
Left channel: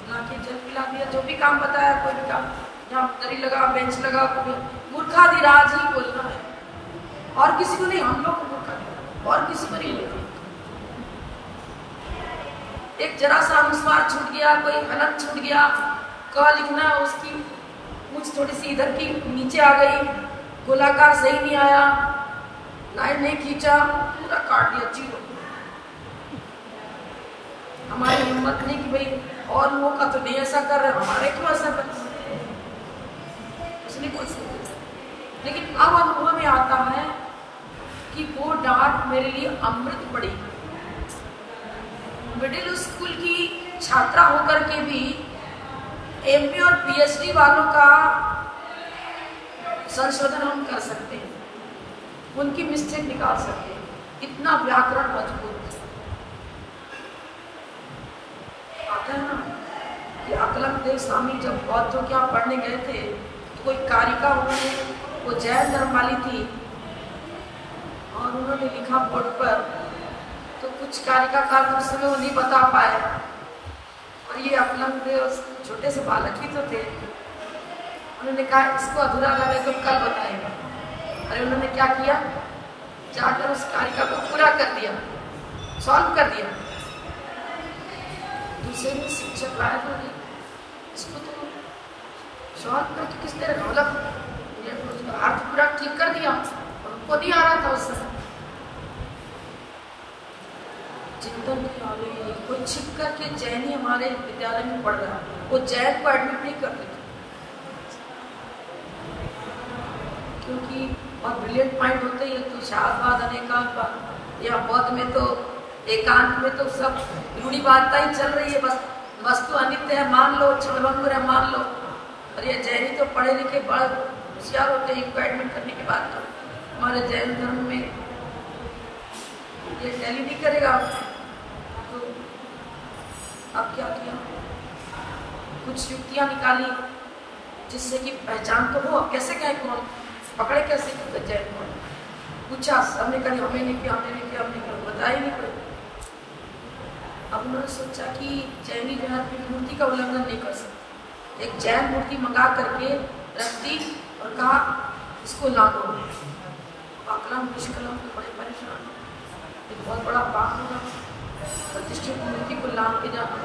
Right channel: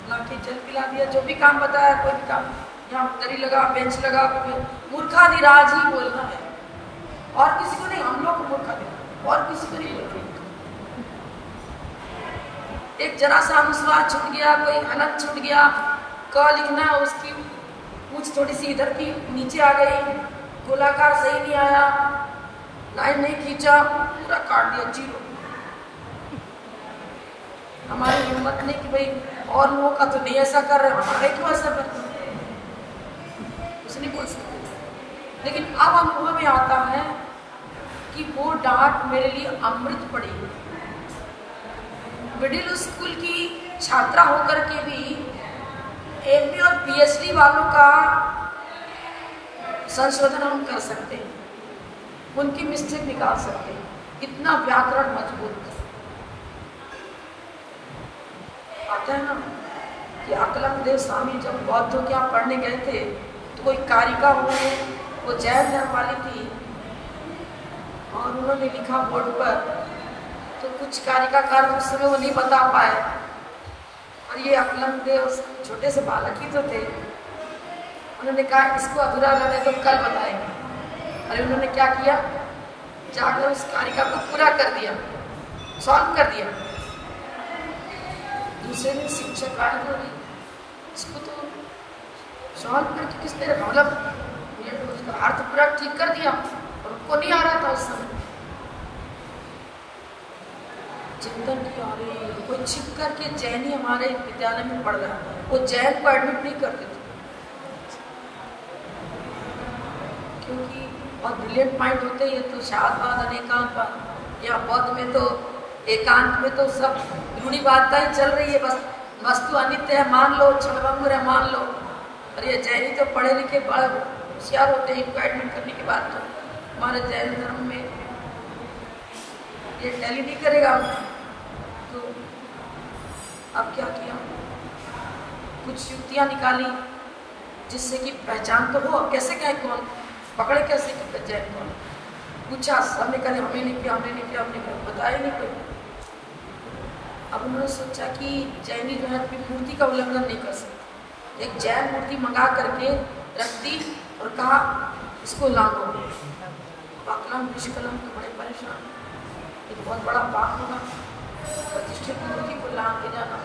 लाके जल पिला दिया, जो भी काम बताया, कोई भी काम, यहाँ दरी लगा, बेंच लगा, मूर्खाधिराज ही बोलना है, और किसी को नहीं, हम लोग को मूर्खाधिराज, और किसी को नहीं। एक जरा सा अनुस्वार छूट गया, कोई अलग छूट गया, क लिखना उसकी पूछ थोड़ी सी इधर की नीचे आ गई, गोलाकार सही नहीं आया, लाइन नहीं खींचा, पूरा काट दिया जीरो। हमारी हिम्मत नहीं कि भाई और लोगों का तो नहीं ऐसा कर रहे, हमारे क्यों ऐसा कर रहे, कुछ नहीं बोल सकते। लेकिन अब अनुभव में आता है कि वो डांट मेरे लिए अमृत पड़ी। मिडिल स्कूल की छात्रा होकर के भी एमए और पीएचडी वालों का संशोधन हम कर सकते हैं, उनकी मिस्टेक निकाल सकते हैं, इतना व्याकरण मजबूत आता है ना। कि अकलंग स्वामी जब बौद्धों के यहाँ पढ़ने गए थे तो कोई कारिका, उन्होंने, वो जैन धर्म वाली थी, और उन्होंने लिखा बोर्ड पर, तो कुछ कारिकाकार उस समय वो नहीं बता पाए, और ये अकलंग देव छोटे से बालक ही तो थे, उन्होंने कहा इसको अधूरा लगे तो कल बताएंगे। अरे उन्होंने क्या किया, जाकर उस कारिका को पूरा कर दिया, सॉल्व कर दिया। दूसरे दिन शिक्षक आए, इसको तो सॉल्व करके किस तरह, मतलब अर्थ पूरा ठीक कर दिया, उनको नहीं आना था उस समय। चिंतन किया, वो छिप करके जैन ही हमारे विद्यालय में पढ़ रहा, वो जैन को एडमिट नहीं करते थे, क्योंकि और ब्रिलियंट माइंड होते हैं तो शाहबाद अनेकांत, या बौद्ध में तो एकांत में तो सब जुड़ी बातें ही चल रही है, बस वस्तु अनित्य है मान लो, क्षणभंगुर है मान लो। अरे जैनी तो पढ़े लिखे बड़े होशियार होते हैं, इनको एडमिट करने के बाद तो हमारे जैन धर्म में ये टैली नहीं करेगा। तो अब क्या किया, कुछ युक्तियां निकाली जिससे कि पहचान तो हो। कैसे कहें कौन पकड़े, कैसे जैन को पूछा, सबने कहा हमने नहीं किया, हमने नहीं किया, हमने बताया नहीं कोई। अब उन्होंने सोचा कि जैनी जो है अपनी मूर्ति का उल्लंघन नहीं कर सकते, एक जैन मूर्ति मंगा करके रख दी और कहा इसको लाओ। अकलम निष्कलम को बड़े परेशान, एक बहुत बड़ा पाप होगा, प्रतिष्ठित मूर्ति को लाभ के जाना।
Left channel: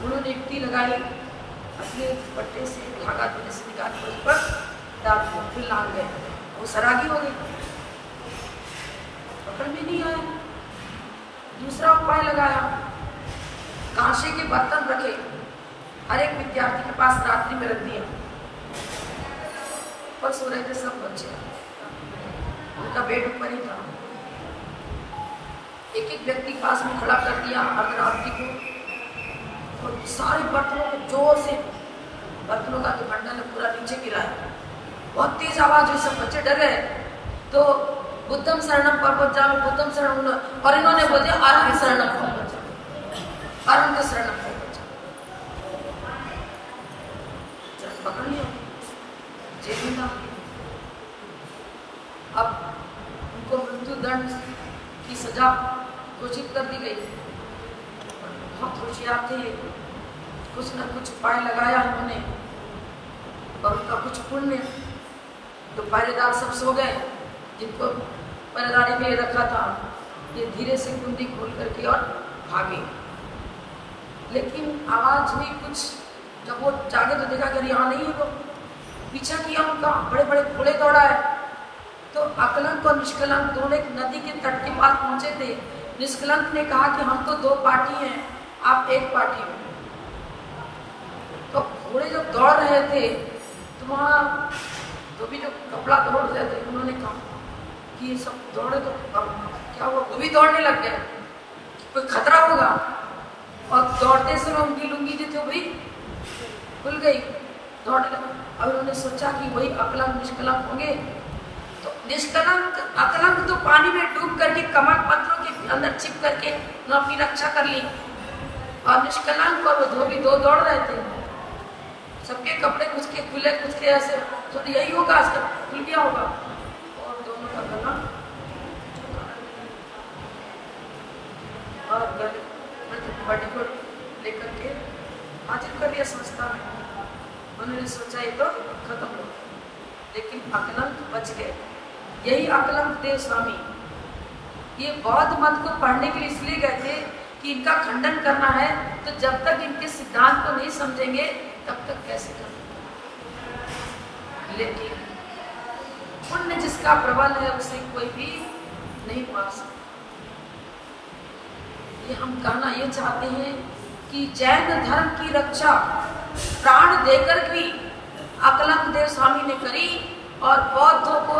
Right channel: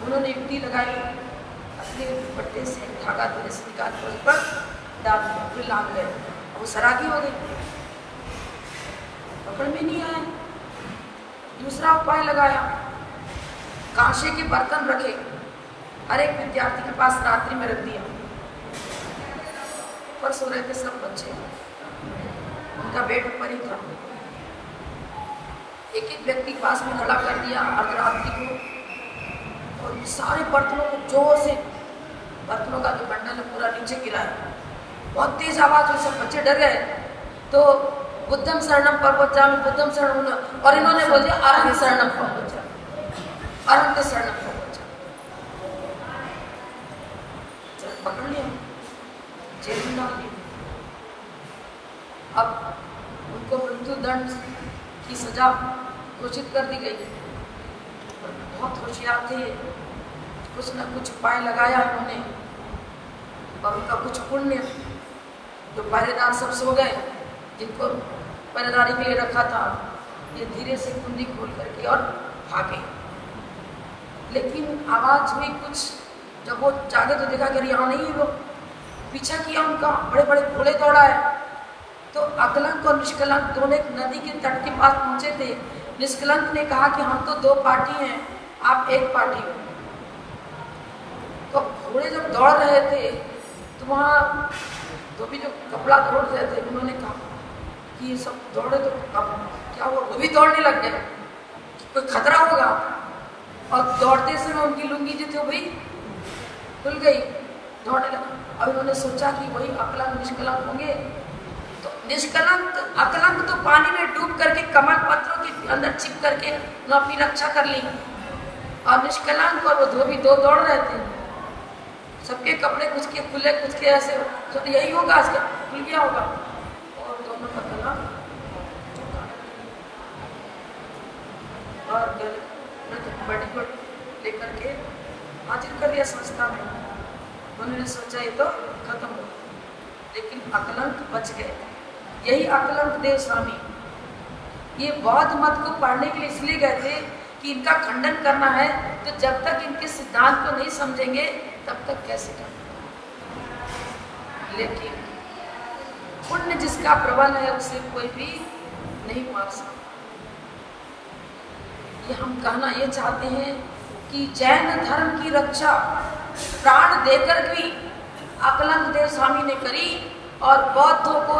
उन्होंने युक्ति लगाई, अपने पट्टे से धागा धीरे से निकाल कर उस पर डाल दिया, फिर लाभ गए, वो सरागी हो गई, पकड़ में नहीं आए। दूसरा उपाय लगाया, कांसे के बर्तन रखे, हर एक विद्यार्थी के पास रात्रि में रख दिया, पर सो रहे थे सब बच्चे, उनका बेड ऊपर ही था। एक एक व्यक्ति पास में खड़ा कर दिया अर्धरात्रि को, और सारे बर्तनों को जोर से, बर्तनों का जो बंडल है पूरा नीचे गिराया, बहुत तेज आवाज हुई, सब बच्चे डर गए। तो बुद्धम शरणम प्रपंचामि, बुद्धम शरणम, और इन्होंने बोल दिया आरंभ शरणम प्रपंचामि, आरंभ शरणम प्रपंचामि। पकड़ लिया, जेल में डाल दिया। अब उनको मृत्यु दंड की सजा घोषित कर दी गई। बहुत होशियार थे, कुछ न कुछ उपाय लगाया उन्होंने, और उनका कुछ पुण्य, जो पहरेदार सब सो गए, जिनको पहरेदारी में रखा था, ये धीरे से कुंडी खोल करके और भागे। लेकिन आवाज हुई कुछ, जब वो जागे तो देखा कि यहाँ नहीं है लोग, पीछा किया उनका, बड़े बड़े घोड़े दौड़ाए। तो अकलंक और निष्कलंक दोनों एक नदी के तट के पास पहुंचे थे। निष्कलंक ने कहा कि हम तो दो पार्टी हैं, आप एक पार्टी में। तो घोड़े जब दौड़ रहे थे तो वहाँ तो भी जो कपड़ा दौड़ रहे थे, उन्होंने कहा कि ये सब दौड़े तो अब क्या हुआ, वो भी दौड़ने लग गए, कोई खतरा होगा। और दौड़ते समय उनकी लुंगी जो थी वही खुल गई, दौड़ने लगे। अब उन्होंने सोचा कि वही अकलंक निष्कलंक होंगे। तो निष्कलंक, अकलंक तो पानी में डूब करके कमल पत्रों के अंदर छिप करके अपनी रक्षा कर ली, और निष्कलंक और वो धोबी दो दौड़ रहे थे, सबके कपड़े कुछ के खुले कुछ के ऐसे। तो यही होगा, आज का खुल गया होगा, और दोनों का दोनों और बड़ी को लेकर के हाजिर कर दिया संस्था में। उन्होंने सोचा ये तो खत्म हो, लेकिन अकलंक बच गए। यही अकलंक देव स्वामी ये बौद्ध मत को पढ़ने के लिए इसलिए गए थे कि इनका खंडन करना है, तो जब तक इनके सिद्धांत को नहीं समझेंगे तब तक कैसे करेंगे। लेकिन पुण्य जिसका प्रबल है उसे कोई भी नहीं मार सकता। ये हम कहना ये चाहते हैं कि जैन धर्म की रक्षा प्राण देकर भी अकलंक देव स्वामी ने करी और बौद्धों को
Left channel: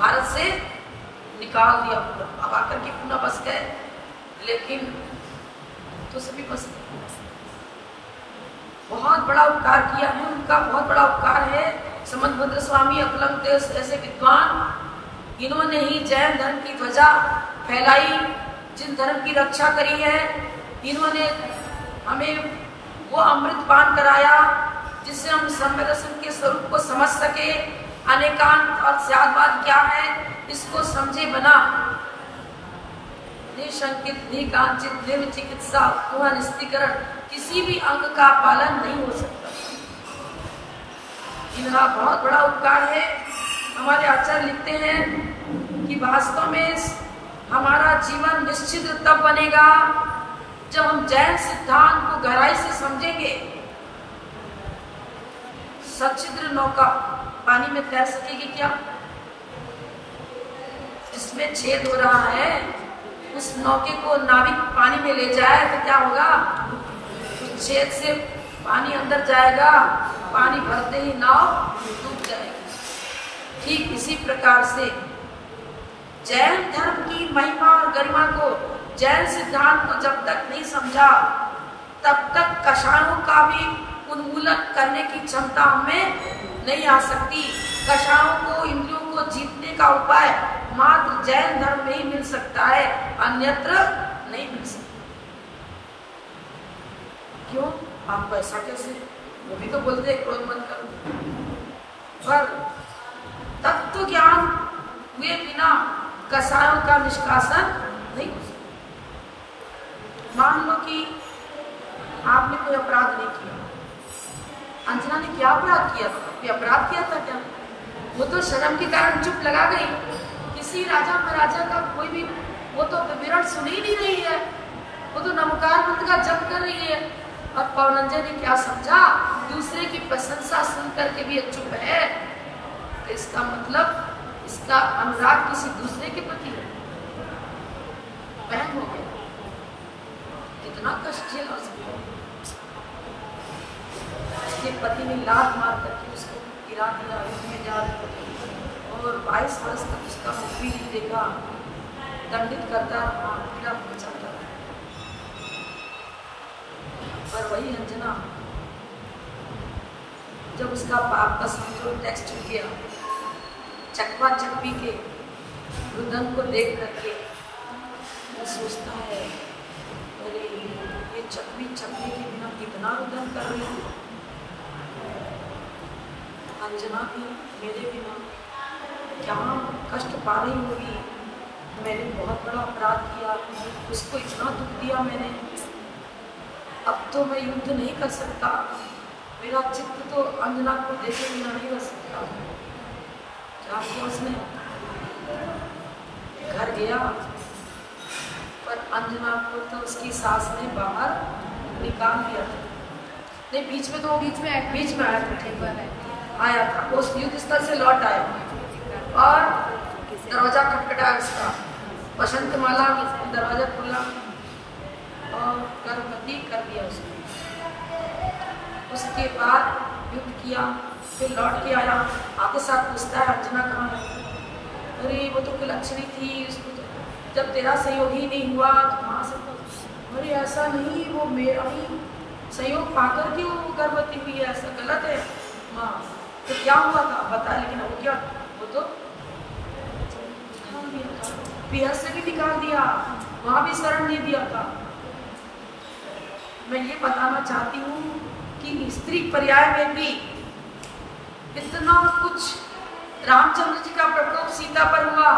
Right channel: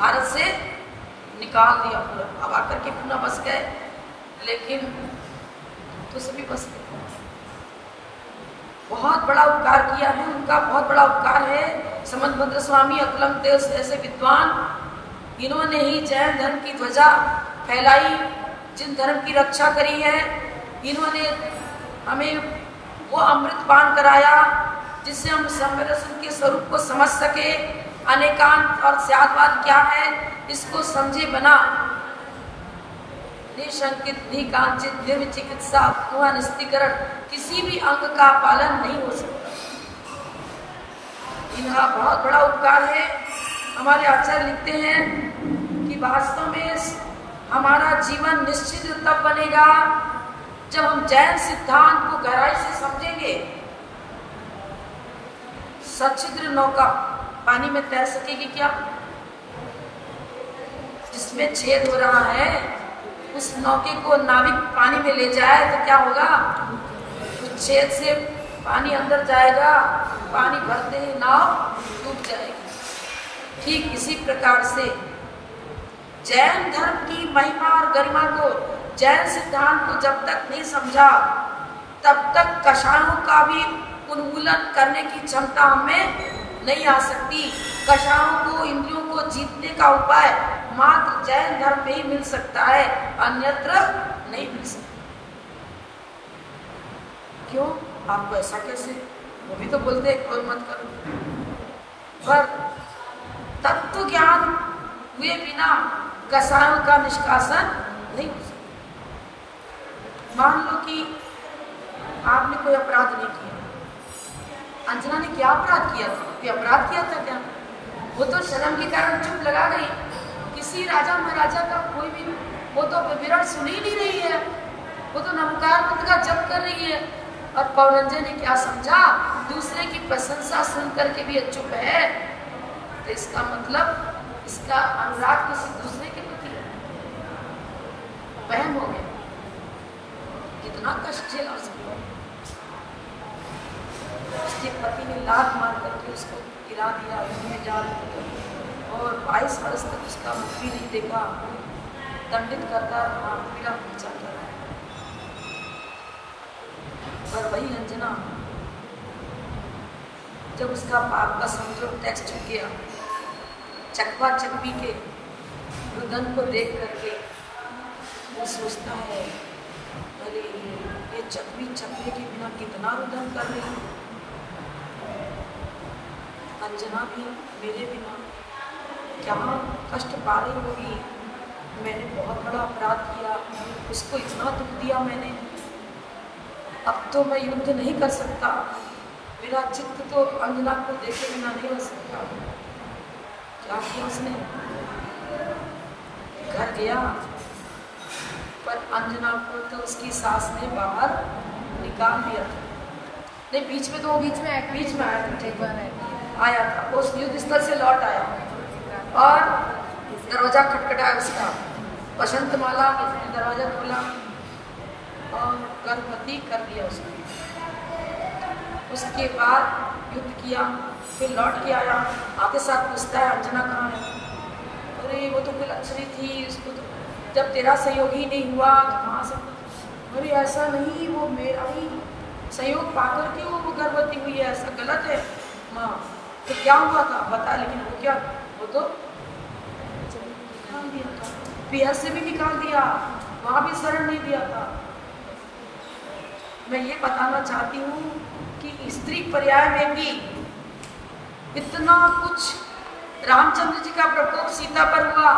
भारत से निकाल दिया पूरा। अब आकर के पुनः बस गए, लेकिन तो सभी बस गए। बहुत बड़ा उपकार किया है उनका, बहुत बड़ा उपकार है समंतभद्र स्वामी अकलंक देव ऐसे विद्वान, इन्होंने ही जैन धर्म की ध्वजा फैलाई, जिन धर्म की रक्षा करी है। इन्होंने हमें वो अमृत पान कराया जिससे हम समरसन के स्वरूप को समझ सके। अनेकांत और स्यादवाद क्या है इसको समझे बना। निशंकित, निकांचित, निर्विचिकित्सा, निस्तीकरण, किसी भी अंग का पालन नहीं हो सकता। इनका बहुत बड़ा उपकार है। हमारे आचार्य लिखते हैं कि वास्तव में हमारा जीवन निश्चित तब बनेगा जब हम जैन सिद्धांत को गहराई से समझेंगे। सच्छिद्र नौका पानी में तैर सकेगी क्या? जिसमें छेद हो रहा है उस नौके को नाविक पानी में ले जाए तो क्या होगा? तो छेद से पानी अंदर जाएगा, पानी भरते ही नाव डूब जाएगी। ठीक इसी प्रकार से जैन धर्म की महिमा और गरिमा को, जैन सिद्धांत को जब तक नहीं समझा तब तक कषाणों का भी उन्मूलन करने की क्षमता हमें नहीं आ सकती। कषाणों को, इंद्रियों को जीतने का उपाय मात्र जैन धर्म में ही मिल सकता है, अन्यत्र नहीं मिल सकता। क्यों? आपको ऐसा कैसे? वो भी तो बोलते हैं क्रोध मत करो, पर तत्व ज्ञान हुए बिना कषायों का निष्कासन नहीं हो सकता। मान लो कि आपने कोई अपराध नहीं किया। अंजना ने क्या अपराध किया था? कोई अपराध किया था क्या? वो तो शर्म के कारण चुप लगा गई। किसी राजा महाराजा का कोई भी वो तो विवरण सुन ही नहीं रही है, वो तो नमकार मत का जप कर रही है। और पौरंजन ने क्या समझा? दूसरे की प्रशंसा सुन करके भी चुप है, तो इसका मतलब इसका अनुराग किसी दूसरे के प्रति बहन हो गया। कितना कष्ट झेला उसको। उसके पति ने लात मार करके उसको गिरा दिया में जा और 22 वर्ष तक उसका मुख भी नहीं देखा, दंडित करता रहा, पीड़ा पहुंचाता रहा। पर वही अंजना जब उसका पाप का समझो टेक्स्ट हो गया, चकवा चकवी के रुदन को देख करके वो सोचता है, अरे ये चकवी चकवी के बिना कितना रुदन कर रही है। अंजना भी मेरे बिना क्या कष्ट पा रही होगी। मैंने बहुत बड़ा अपराध किया, उसको इतना दुख दिया मैंने, अब तो मैं युद्ध नहीं कर सकता। मेरा चित्त तो अंजना को देखे बिना नहीं रह सकता। क्या किया उसने? घर गया, पर अंजना को तो उसकी सास ने बाहर निकाल दिया था। नहीं, बीच में तो बीच में आया था, ठीक है, आया था। उस युद्ध स्थल से लौट आया और दरवाजा खटखटाया उसका। वसंतमाला ने दरवाजा खोला और गर्भवती कर दिया उसको। उसके बाद युद्ध किया, फिर लौट के आया, आते साथ पूछता है अंजना कहाँ है? अरे वो तो लक्ष्मी थी, उसको तो जब तेरा सहयोग ही नहीं हुआ तो कहाँ से? अरे ऐसा नहीं, वो मेरा ही सहयोग पाकर के वो गर्भवती हुई है, ऐसा गलत है माँ। तो क्या हुआ था बता। लेकिन वो क्या, वो तो पियर से भी निकाल दिया, वहां भी शरण दे दिया था। मैं ये बताना चाहती हूँ कि स्त्री पर्याय में भी इतना कुछ। रामचंद्र जी का प्रकोप सीता पर हुआ,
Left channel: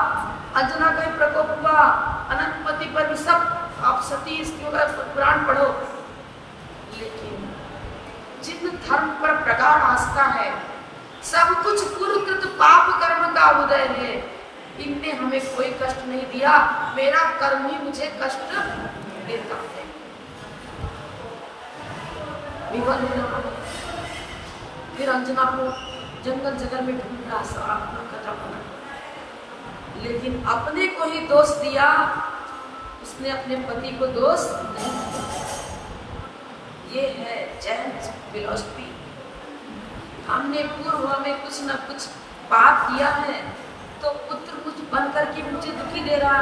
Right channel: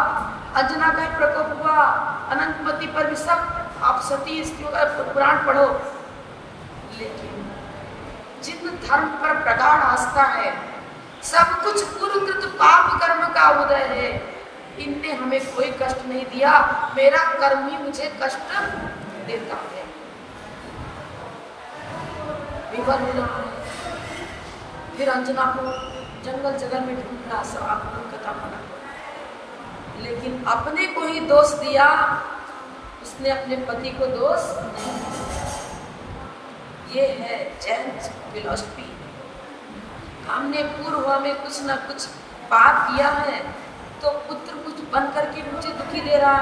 अंजना का प्रकोप हुआ, अनंतमती पर भी सब। आप सती स्त्रियों का पुराण पढ़ो, लेकिन धर्म पर प्रगाढ़ आस्था है, सब कुछ कुरुकृत पाप कर्म का उदय है। इनने हमें कोई कष्ट नहीं दिया, मेरा कर्म ही मुझे कष्ट देता है। विवाह लेना पड़े, फिर अंजना को जंगल जगल में ढूंढना, सवाल कथा बना, लेकिन अपने को ही दोष दिया, उसने अपने पति को दोष नहीं दिया। ये है जैन फिलॉसफी। हमने पूर्व में कुछ न कुछ पाप किया है, तो पुत्र कुछ बन करके मुझे दुखी दे रहा,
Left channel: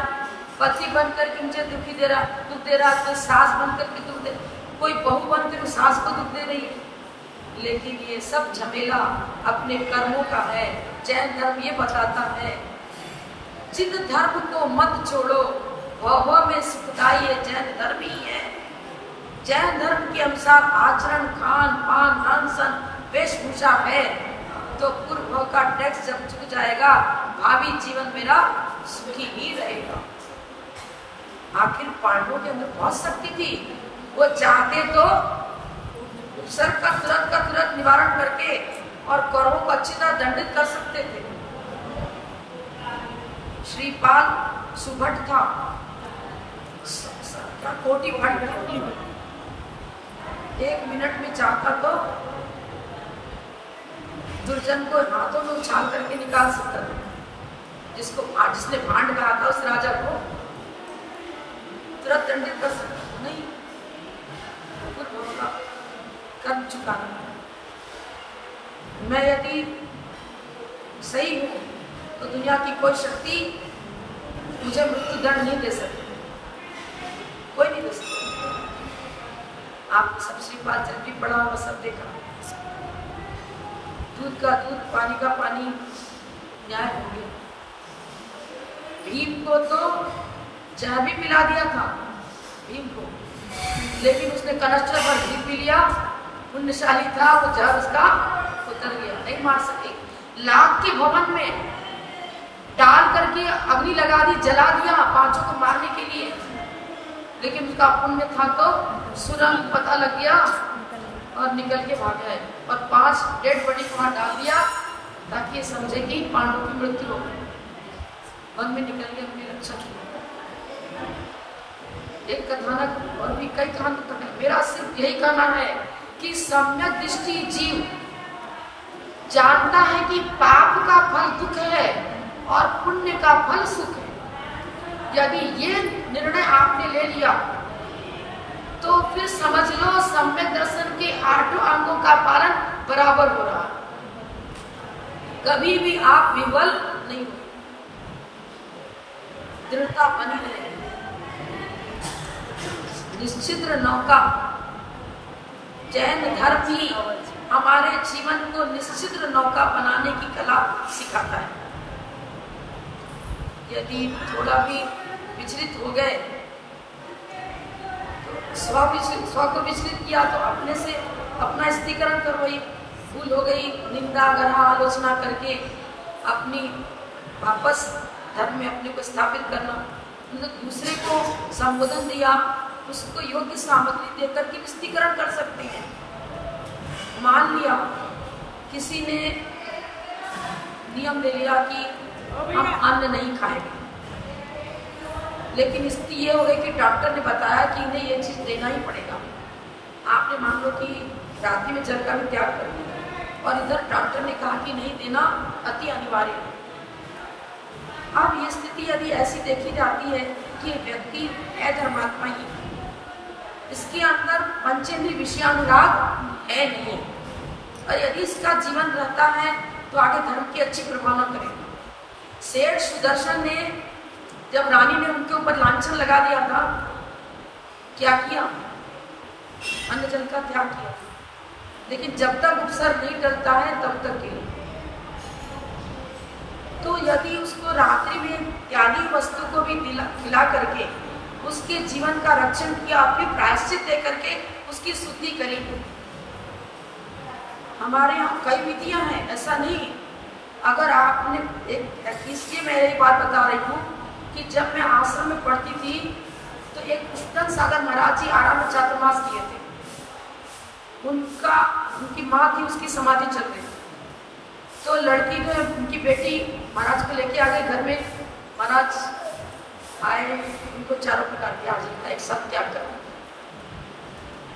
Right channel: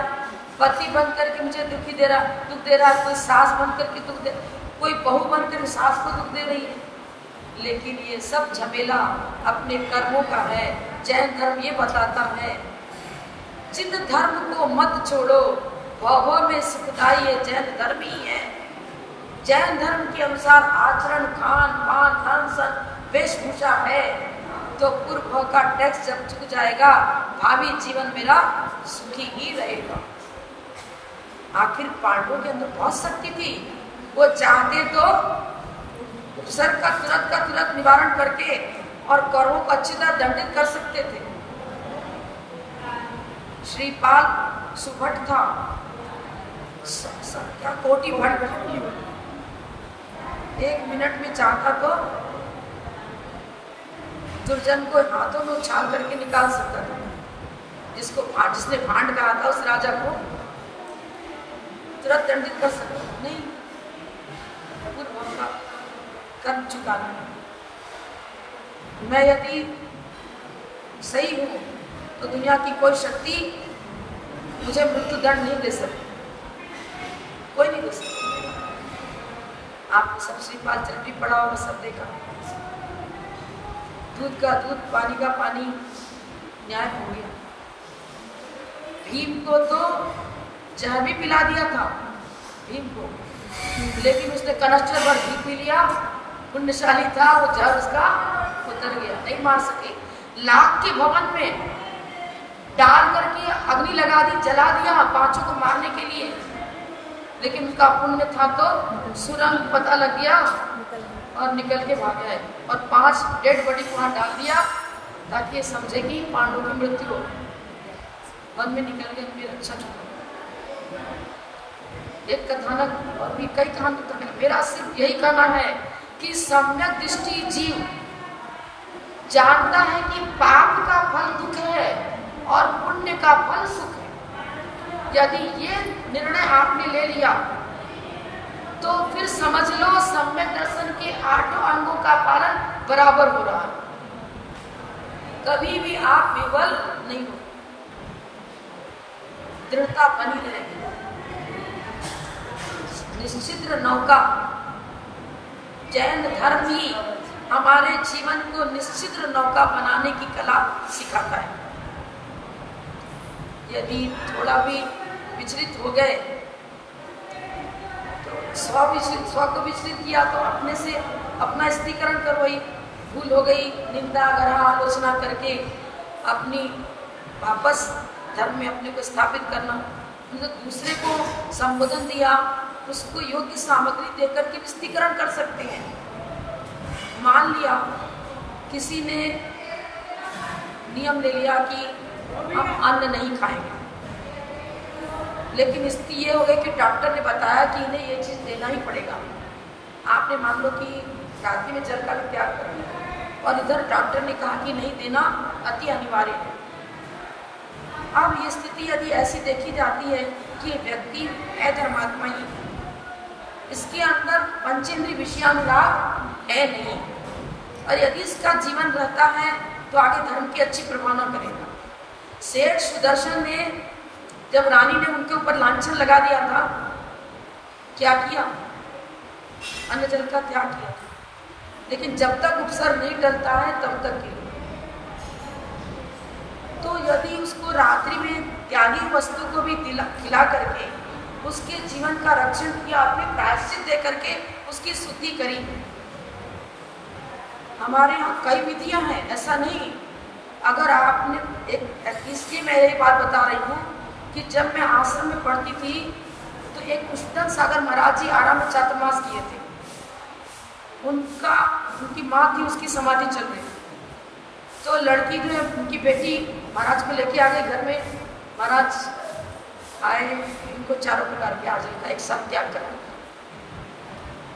पति बन करके मुझे दुखी दे रहा, दुख दे रहा, कोई सास बन करके दुख दे, कोई बहू बन करके सास को दुख दे रही है। लेकिन ये सब झमेला अपने कर्मों का है। जैन धर्म ये बताता है, जिद धर्म को मत छोड़ो, भव में सुखदाई जैन धर्म ही है। जैन धर्म के अनुसार आचरण, खान पान, अनशन, वेशभूषा है, तो पूर्व का टैक्स जब चुक जाएगा, भावी जीवन मेरा सुखी ही रहेगा। आखिर पांडवों के अंदर बहुत शक्ति थी, वो चाहते तो उपसर्ग का तुरंत निवारण करके और कौरवों को अच्छी तरह दंडित कर सकते थे। श्रीपाल सुभट था, क्या कोटि भट, 1 मिनट में चाहता तो दुर्जन को हाथों में उछाल करके निकाल सकता था। जिसने भांड कहा था उस राजा को तुरंत दंडित कर सकता नहीं, कर्म चुकाना। मैं यदि सही हूं तो दुनिया की कोई शक्ति मुझे मृत्यु दंड नहीं दे सकती, कोई नहीं दे सकती। आप सबसे बात जब भी पड़ा होगा सब देखा, दूध का दूध, पानी का पानी, न्याय होंगे। भीम को तो जहर भी पिला दिया था भीम को, लेकिन उसने कनस्टर पर घी पी लिया, पुण्यशाली था, वो जहर उसका उतर गया, नहीं मार सके। लाख के भवन में डाल करके अग्नि लगा दी, जला दिया पांचों को मारने के लिए, लेकिन उसका पुण्य था तो सुरंग पता लग गया और निकल के भाग गए, और 5 डेड बॉडी को वहां डाल दिया ताकि ये समझे कि पांडवों की मृत्यु हो गई। वन में निकल गए, फिर अच्छा एक कथानक और भी कई कथानक। मेरा सिर्फ यही कहना है कि सम्यक दृष्टि जीव जानता है कि पाप का फल दुख है और पुण्य का फल सुख है। यदि ये निर्णय आपने ले लिया तो फिर समझ लो सम्यक दर्शन के 8 अंगों का पालन बराबर हो रहा, कभी भी आप विफल नहीं, दृढ़ता बनी रहे। निश्चिद्र नौका, जैन धर्म ही हमारे जीवन को निश्चिद्र नौका बनाने की कला सिखाता है। यदि थोड़ा भी विचलित हो गए तो स्व को विचलित किया तो अपने से अपना स्थिरीकरण करो, वही भूल हो गई, निंदा ग्रह आलोचना करके अपनी वापस धर्म में अपने को स्थापित करना। दूसरे को संबोधन दिया, उसको योग्य सामग्री देकर के विस्तीकरण कर सकते हैं। मान लिया किसी ने नियम ले लिया कि हम अन्न नहीं खाएंगे, लेकिन इसकी ये हो गई कि डॉक्टर ने बताया कि इन्हें ये चीज देना ही पड़ेगा। आपने मान लो कि रात्रि में जल का भी त्याग कर दिया और इधर डॉक्टर ने कहा कि नहीं देना अति अनिवार्य है। अब ये स्थिति यदि ऐसी देखी जाती है कि व्यक्ति है धर्मात्मा ही, इसके अंदर पंचेंद्रिय विषयानुराग है नहीं, और यदि इसका जीवन रहता है तो आगे धर्म की अच्छी प्रभावना करेगा। सेठ सुदर्शन ने जब रानी ने उनके ऊपर लांछन लगा दिया था, क्या किया? अन्न जल का त्याग किया, लेकिन जब तक उपसर्ग नहीं डरता है तब तक के लिए। तो यदि उसको रात्रि में त्यागी वस्तु को भी खिला करके उसके जीवन का रक्षण किया, फिर प्रायश्चित दे करके उसकी शुद्धि करी। हमारे यहाँ कई विधियां हैं, ऐसा नहीं। अगर आपने इसलिए मैं एक बात बता रही हूँ कि जब मैं आश्रम में पढ़ती थी तो एक पुस्तक सागर महाराज जी आराम चातुर्मास किए थे। उनकी माँ थी, उसकी समाधि चल रही। तो लड़की ने उनकी बेटी महाराज को लेके आ गई घर में। महाराज आए, उनको चारों प्रकार के आजल का एक साथ त्याग कर।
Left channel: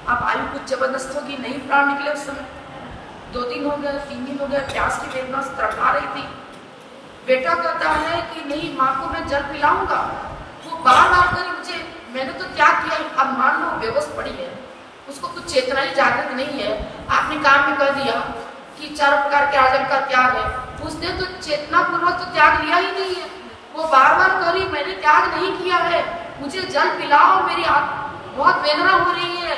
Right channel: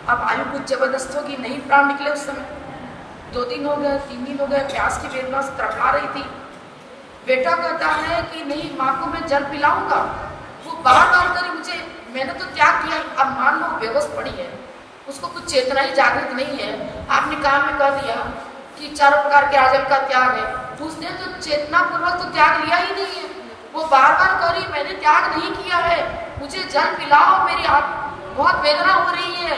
अब आयु कुछ जबरदस्त होगी, नहीं प्राण निकले उस समय। 2 दिन हो गए, 3 दिन हो गए, प्यास की वेदना से तड़पा रही थी। बेटा कहता है कि नहीं, माँ को मैं जल पिलाऊंगा। वो बार बार करी मुझे, मैंने तो त्याग किया, अब मान लो बेहोश पड़ी है, उसको कुछ चेतना ही जागृत नहीं है। आपने काम में कह दिया कि 4 प्रकार के आजम का त्याग है, उसने तो चेतना पूर्वक तो त्याग लिया ही नहीं है। वो बार बार कह रही मैंने त्याग नहीं किया है, मुझे जल पिलाओ, मेरी बहुत वेदना हो रही है।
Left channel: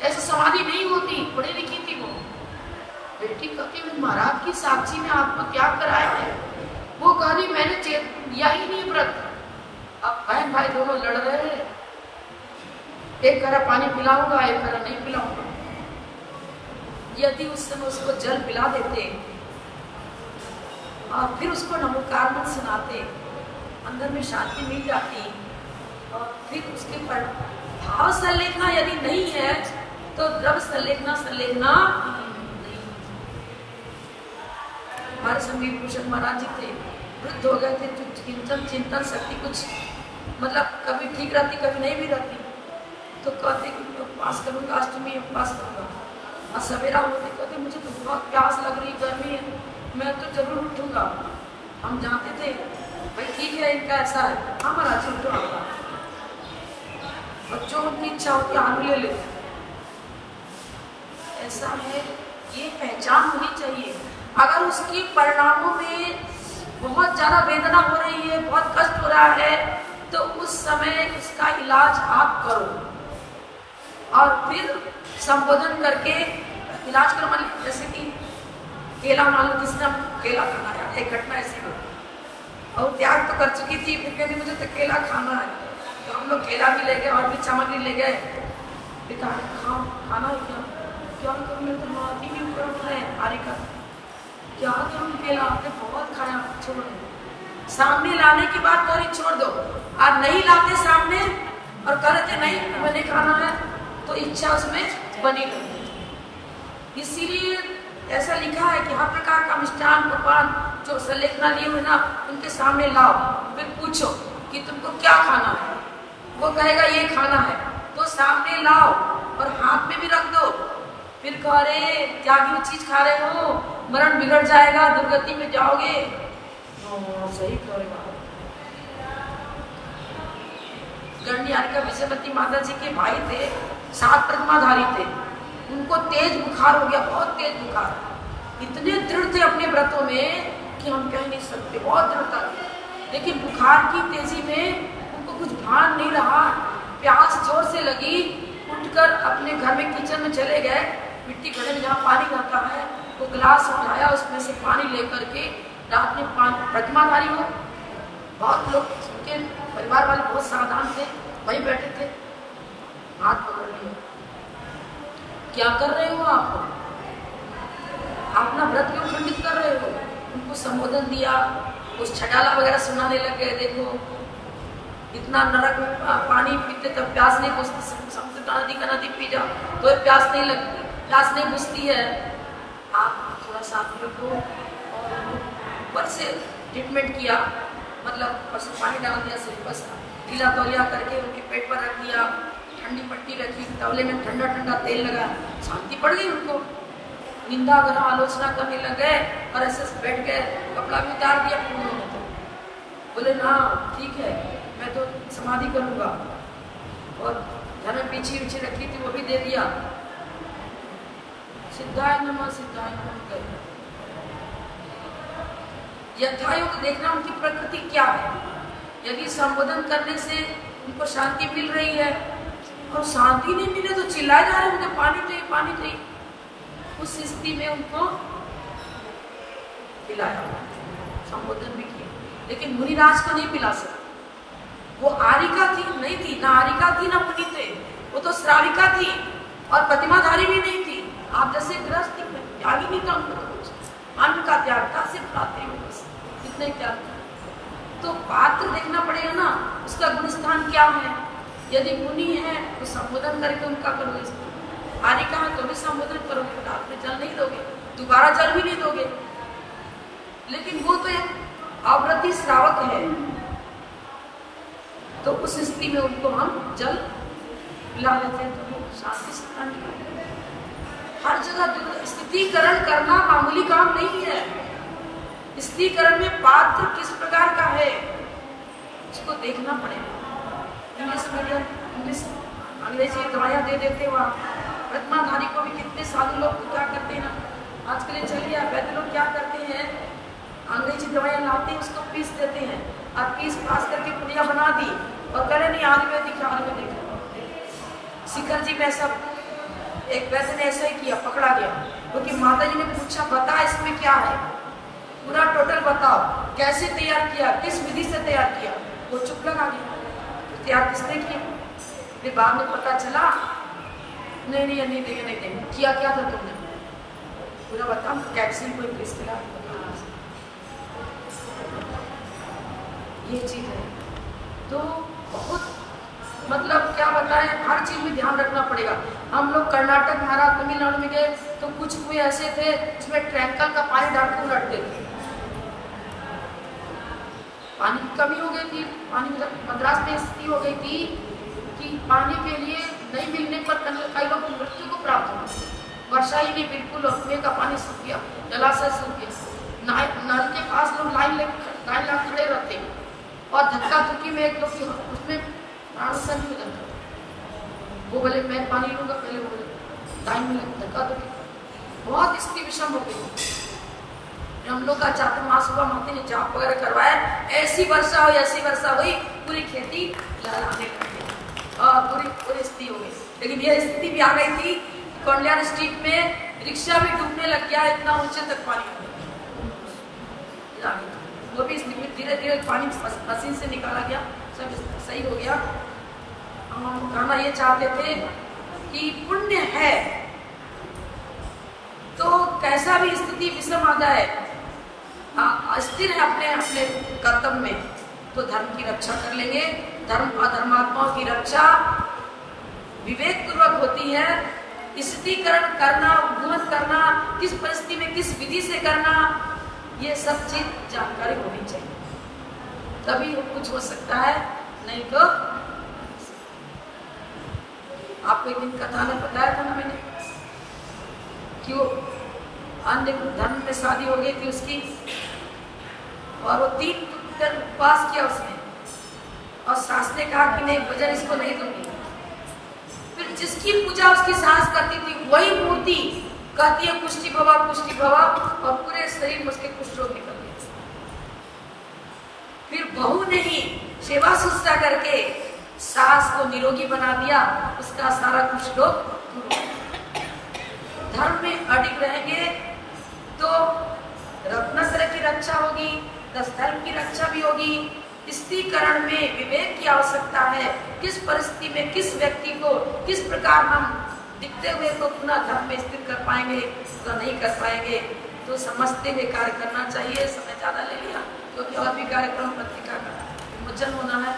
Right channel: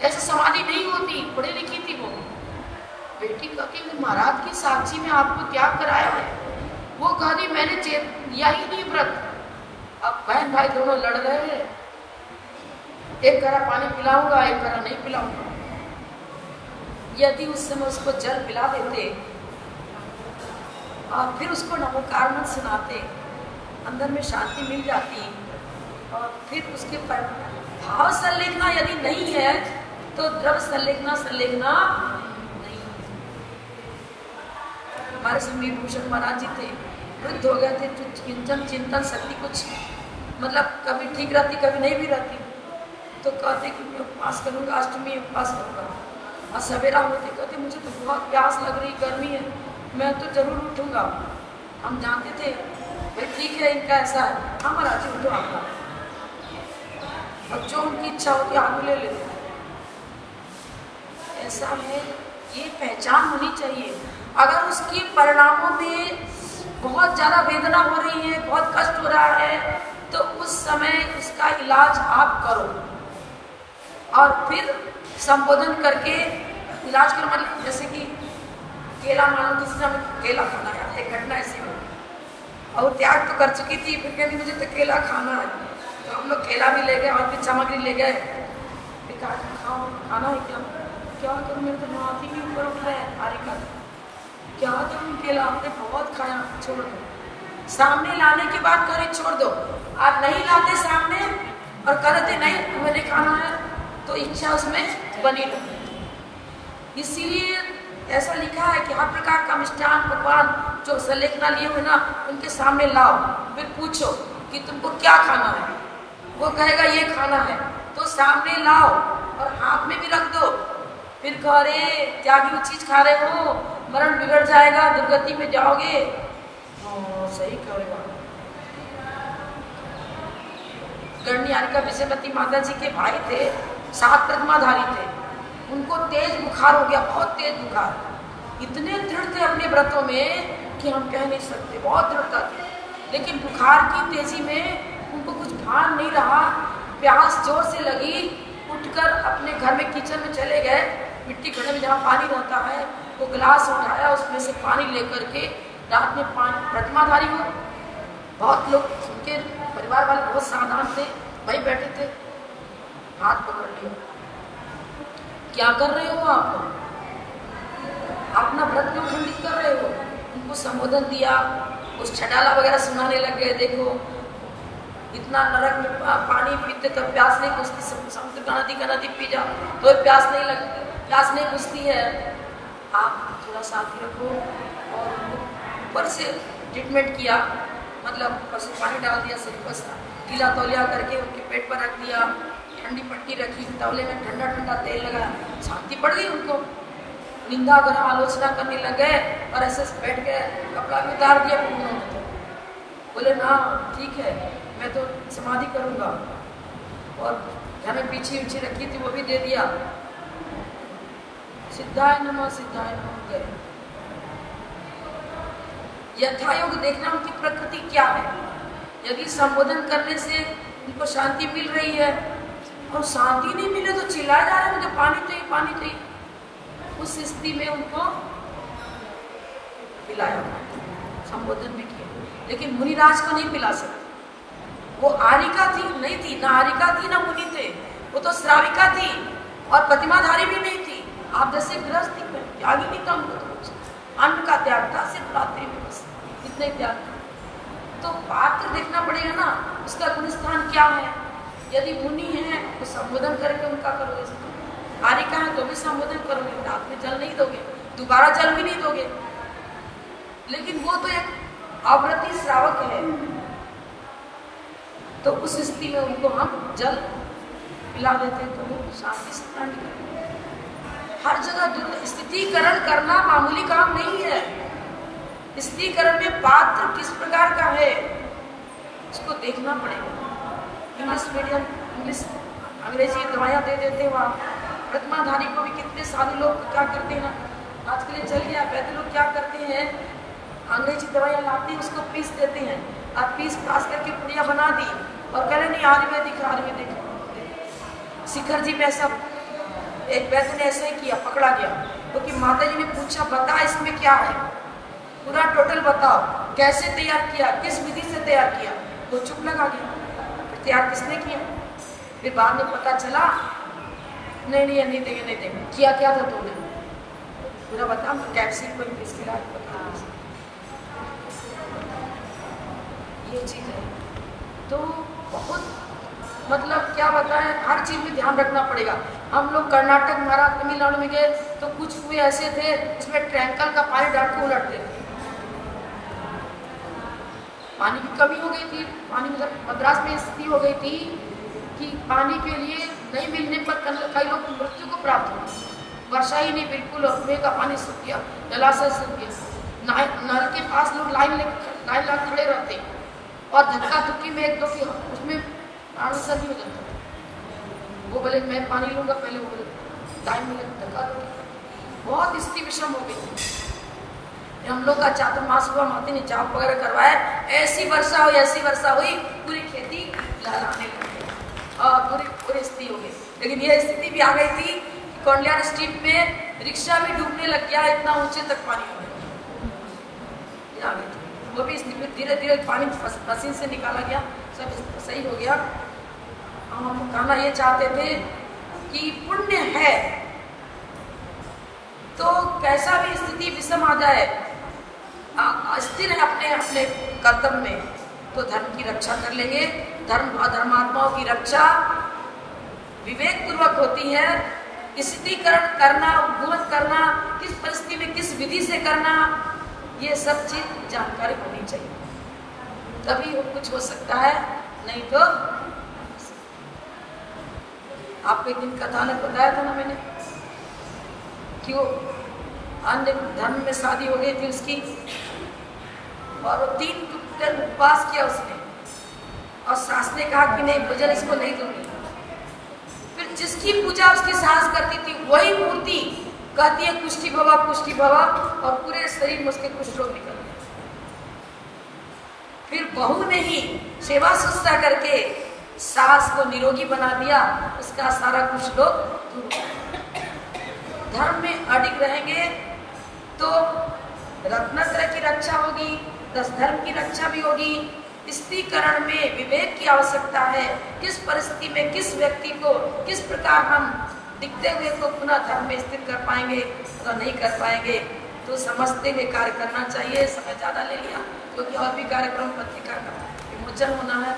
ऐसे समाधि नहीं होती, पढ़ी लिखी थी वो। बेटी कहती महाराज की साक्षी में आपको त्याग कराया है। वो कह रही मैंने लिया ही नहीं व्रत। अब बहन भाई दोनों लड़ रहे हैं, एक करा पानी पिलाऊंगा, एक करा नहीं पिलाऊंगा। यदि उस समय उसको जल पिला देते और फिर उसको नमोकार मत सुनाते, अंदर में शांति मिल जाती। और फिर उसके पर भाव संलेखना यदि नहीं है तो द्रव्य संलेखना नहीं। हमारे समीर भूषण महाराज जी थे, वृद्ध हो गए थे, चिंतन शक्ति कुछ मतलब कभी ठीक रहती, कभी नहीं भी रहती। तो कहते कि मैं उपवास करूँगा, अष्टमी उपवास करूँगा। और सवेरा होते कहते मुझे तो बहुत प्यास लग रही, गर्मी है, मैं तो जरूर उठूंगा। हम जानते थे भाई ठीक है, इनका ऐसा है, हमारा जी उठो आपका। बच्चों की इच्छा होती है आलू ले लेते। ऐसा है, ये पहचान होनी चाहिए। अगर उसकी परिणामों में बहुत ज्यादा वेदना हो रही है, बहुत कष्ट हो रहा है, तो उस समय उसका इलाज आप करो। और फिर संबोधन करके इलाज करो। मतलब जैसे कि केला मालूम, किसी ने केला खाना है, एक घटना ऐसी हो और त्याग तो कर चुकी थी, फिर कहती मुझे तो केला खाना है। तो हम लोग केला भी ले गए और भी सामग्री ले गए। पिता खाओ, खाना है क्या? क्या तुम्हें तुम्हारी भी ऊपर उठ रहे हैं, आरे का क्या तुम केला आपने बहुत खाया, छोड़ दो। सामने लाने के बाद करी छोड़ दो, और नहीं लाते सामने और करते नहीं मैंने खाना है, तो इच्छा उसमें बनी रहती। इसीलिए ऐसा लिखा है कि हर प्रकार का मिष्ठान पकवान जो संलेखना लिए हुए ना, उनके सामने लाओ, फिर पूछो कि तुमको क्या खाना है। वो कहेगा ये खाना है, तो सामने लाओ और हाथ में भी रख दो। फिर कह रहे त्यागी चीज खा रहे हो, मरण बिगड़ जाएगा, दुर्गति में जाओगे। सही करेगा। गणियारिका विजयवती माता जी के भाई थे, 7 प्रतिमाधारी थे। उनको तेज बुखार हो गया, बहुत तेज बुखार। इतने दृढ़ थे अपने व्रतों में कि हम कह नहीं सकते, बहुत दृढ़ता थी। लेकिन बुखार की तेजी में उनको कुछ भान नहीं रहा, प्यास जोर से लगी। उठकर अपने घर में किचन में चले गए, मिट्टी घड़े में जहाँ पानी रहता है, वो गिलास उठाया, उसमें से पानी लेकर के रात में प्रतिमाधारी हो। बहुत लोग उनके परिवार वाले बहुत सावधान थे, वहीं बैठे थे, हाथ पकड़ लिए। क्या कर रहे हो आप? अपना व्रत क्यों खंडित कर रहे हो? उनको संबोधन दिया, उस छटाला वगैरह सुनाने लग गए। देखो इतना नरक में पानी पीते तो प्यास नहीं बुझती, समुद्र का नदी पी जाओ तो प्यास नहीं लगती, प्यास नहीं बुझती है। आप थोड़ा साथ में को ऊपर से ट्रीटमेंट किया, मतलब ऊपर से पानी डाल दिया, सिर्फ बस ढीला तौलिया करके उनके पेट पर रख दिया, ठंडी पट्टी रखी, तौले में ठंडा ठंडा तेल लगाया, शांति पड़ गई उनको। निंदा ग्रह आलोचना करने लग गए और ऐसे बैठ गए, कपड़ा भी उतार दिया। फिर उन्होंने तो बोले ना ठीक है, मैं तो समाधि करूँगा। और घर में पीछे उछी रखी थी वो भी दे दिया। सिद्धाय नमः गए। यथायोग देखना उनकी प्रकृति क्या है। यदि संबोधन करने से उनको शांति मिल रही है और शांति नहीं मिले तो चिल्लाए जा रहे, मुझे पानी चाहिए, पानी चाहिए। उस स्थिति में उनको पिलाया, संबोधन भी किया, लेकिन मुनिराज को नहीं पिला सकते। वो आरिका थी नहीं थी, ना आरिका थी ना मुनि थे, वो तो श्राविका थी और प्रतिमाधारी भी नहीं थी। आप जैसे गृहस्थ थी, त्याग ही नहीं था उनको, अन्न का त्याग था, सिर्फ प्राते इतने त्याग था। तो पात्र देखना पड़ेगा ना, उसका गुणस्थान क्या है। यदि मुनि है तो संबोधन करके उनका करो, पानी कहाँ तो भी संबोधन करोगे, रात में जल नहीं दोगे, दोबारा जल भी नहीं दोगे। लेकिन वो तो एक आवृत्ति श्रावक है, तो उस स्थिति में उनको हम जल पिला देते हैं, तो वो शांति से स्नान करते हैं। हर जगह स्थितिकरण करना मामूली काम नहीं है। स्थितिकरण में पात्र किस प्रकार का है उसको देखना पड़ेगा। इंग्लिश मीडियम, इंग्लिश अंग्रेजी दवाइयाँ दे देते हैं, वहाँ प्रतिमाधारी को भी कितने सारे लोग क्या करते हैं, आजकल चल गया, वैद्य लोग क्या करते हैं, अंग्रेजी दवाइयाँ लाते हैं, उसको पीस देते हैं, और पीस पास करके पुड़िया बना दी और कह रहे नहीं आयुर्वेदिक। शिखर जी में ऐसा एक वैद्य ने ऐसा ही किया, पकड़ा गया, क्योंकि माता जी ने पूछा बता इसमें क्या है, पूरा टोटल बताओ, कैसे तैयार किया, किस विधि से तैयार किया। वो चुप लगा गया, तैयार किसने किया। फिर बाद में पता चला नहीं देगा, किया क्या था तुमने, पूरा बता, कैप्सूल को इंग्लिश खिला, ये चीज है। तो बहुत मतलब क्या बताएं, हर चीज में ध्यान रखना पड़ेगा। हम लोग कर्नाटक, महाराष्ट्र, तमिलनाडु में गए तो कुछ कोई ऐसे थे इसमें ट्रैंकल का पानी डाल के उलटते थे, पानी की कमी हो गई थी। पानी मतलब मद्रास में स्थिति हो गई थी कि पानी के लिए नहीं मिलने पर कई लोग मृत्यु को प्राप्त हुआ, वर्षा ही नहीं बिल्कुल, और कुएं का पानी सूख गया, जलाशय सूख गया, नल के पास लोग लाइन ला खड़े रहते और धक्का धुक्की में एक दो उसमें आंसर नहीं हो जाता। वो बोले मैं पानी लूंगा, पहले बोले लाइन में धक्का धुक्की, बहुत स्थिति विषम हो गई। हम लोग का चातुर्मास हुआ, माता ने जाप वगैरह करवाया, ऐसी वर्षा हुई पूरी खेती लहराने लगी और पूरी स्थिति हो गई। लेकिन ये स्थिति भी आ गई थी कि कल्याण स्ट्रीट में रिक्शा भी डूबने लग गया, इतना ऊंचे तक पानी हो गया। वो भी धीरे धीरे पानी मशीन से निकाला गया, सब सही हो गया। हम कहना ये चाहते थे कि पुण्य है तो कैसा भी स्थिति विषम आ जाए, स्थिर है अपने कर्तव्य में, तो धर्म की रक्षा कर लेंगे। धर्मात्माओं की रक्षा विवेक पूर्वक होती है। स्थितिकरण करना, उद्घोष करना, किस परिस्थिति में किस विधि से करना, ये सब चीज जानकारी होनी चाहिए, तभी कुछ हो सकता है। नहीं तो आपको एक दिन कथा ने बताया था ना मैंने, क्यों अन्य धर्म में शादी हो गई थी उसकी, और वो 3 दिन उपवास किया उसने, और सास ने कहा कि नहीं भोजन इसको नहीं दूंगी। फिर जिसकी पूजा उसकी सास करती थी वही मूर्ति कहती है पुष्टि भवा, और पूरे शरीर में उसके कुष्ठ रोग निकल गए। फिर बहू ने ही सेवा शुश्रूषा करके सास को निरोगी बना दिया, उसका सारा कुष्ठ रोग। धर्म में अडिग रहेंगे तो रत्नात्रय की रक्षा होगी, 10 धर्म की रक्षा भी होगी। स्थितिकरण में विवेक की आवश्यकता है, किस परिस्थिति में किस व्यक्ति को किस प्रकार हम दिखते हुए को पुनः धर्म में स्थित कर पाएंगे तो नहीं कर पाएंगे। तो समझते हुए कार्य करना चाहिए। समय ज्यादा ले लिया क्योंकि और भी कार्यक्रम पत्रिका का विमोचन होना है।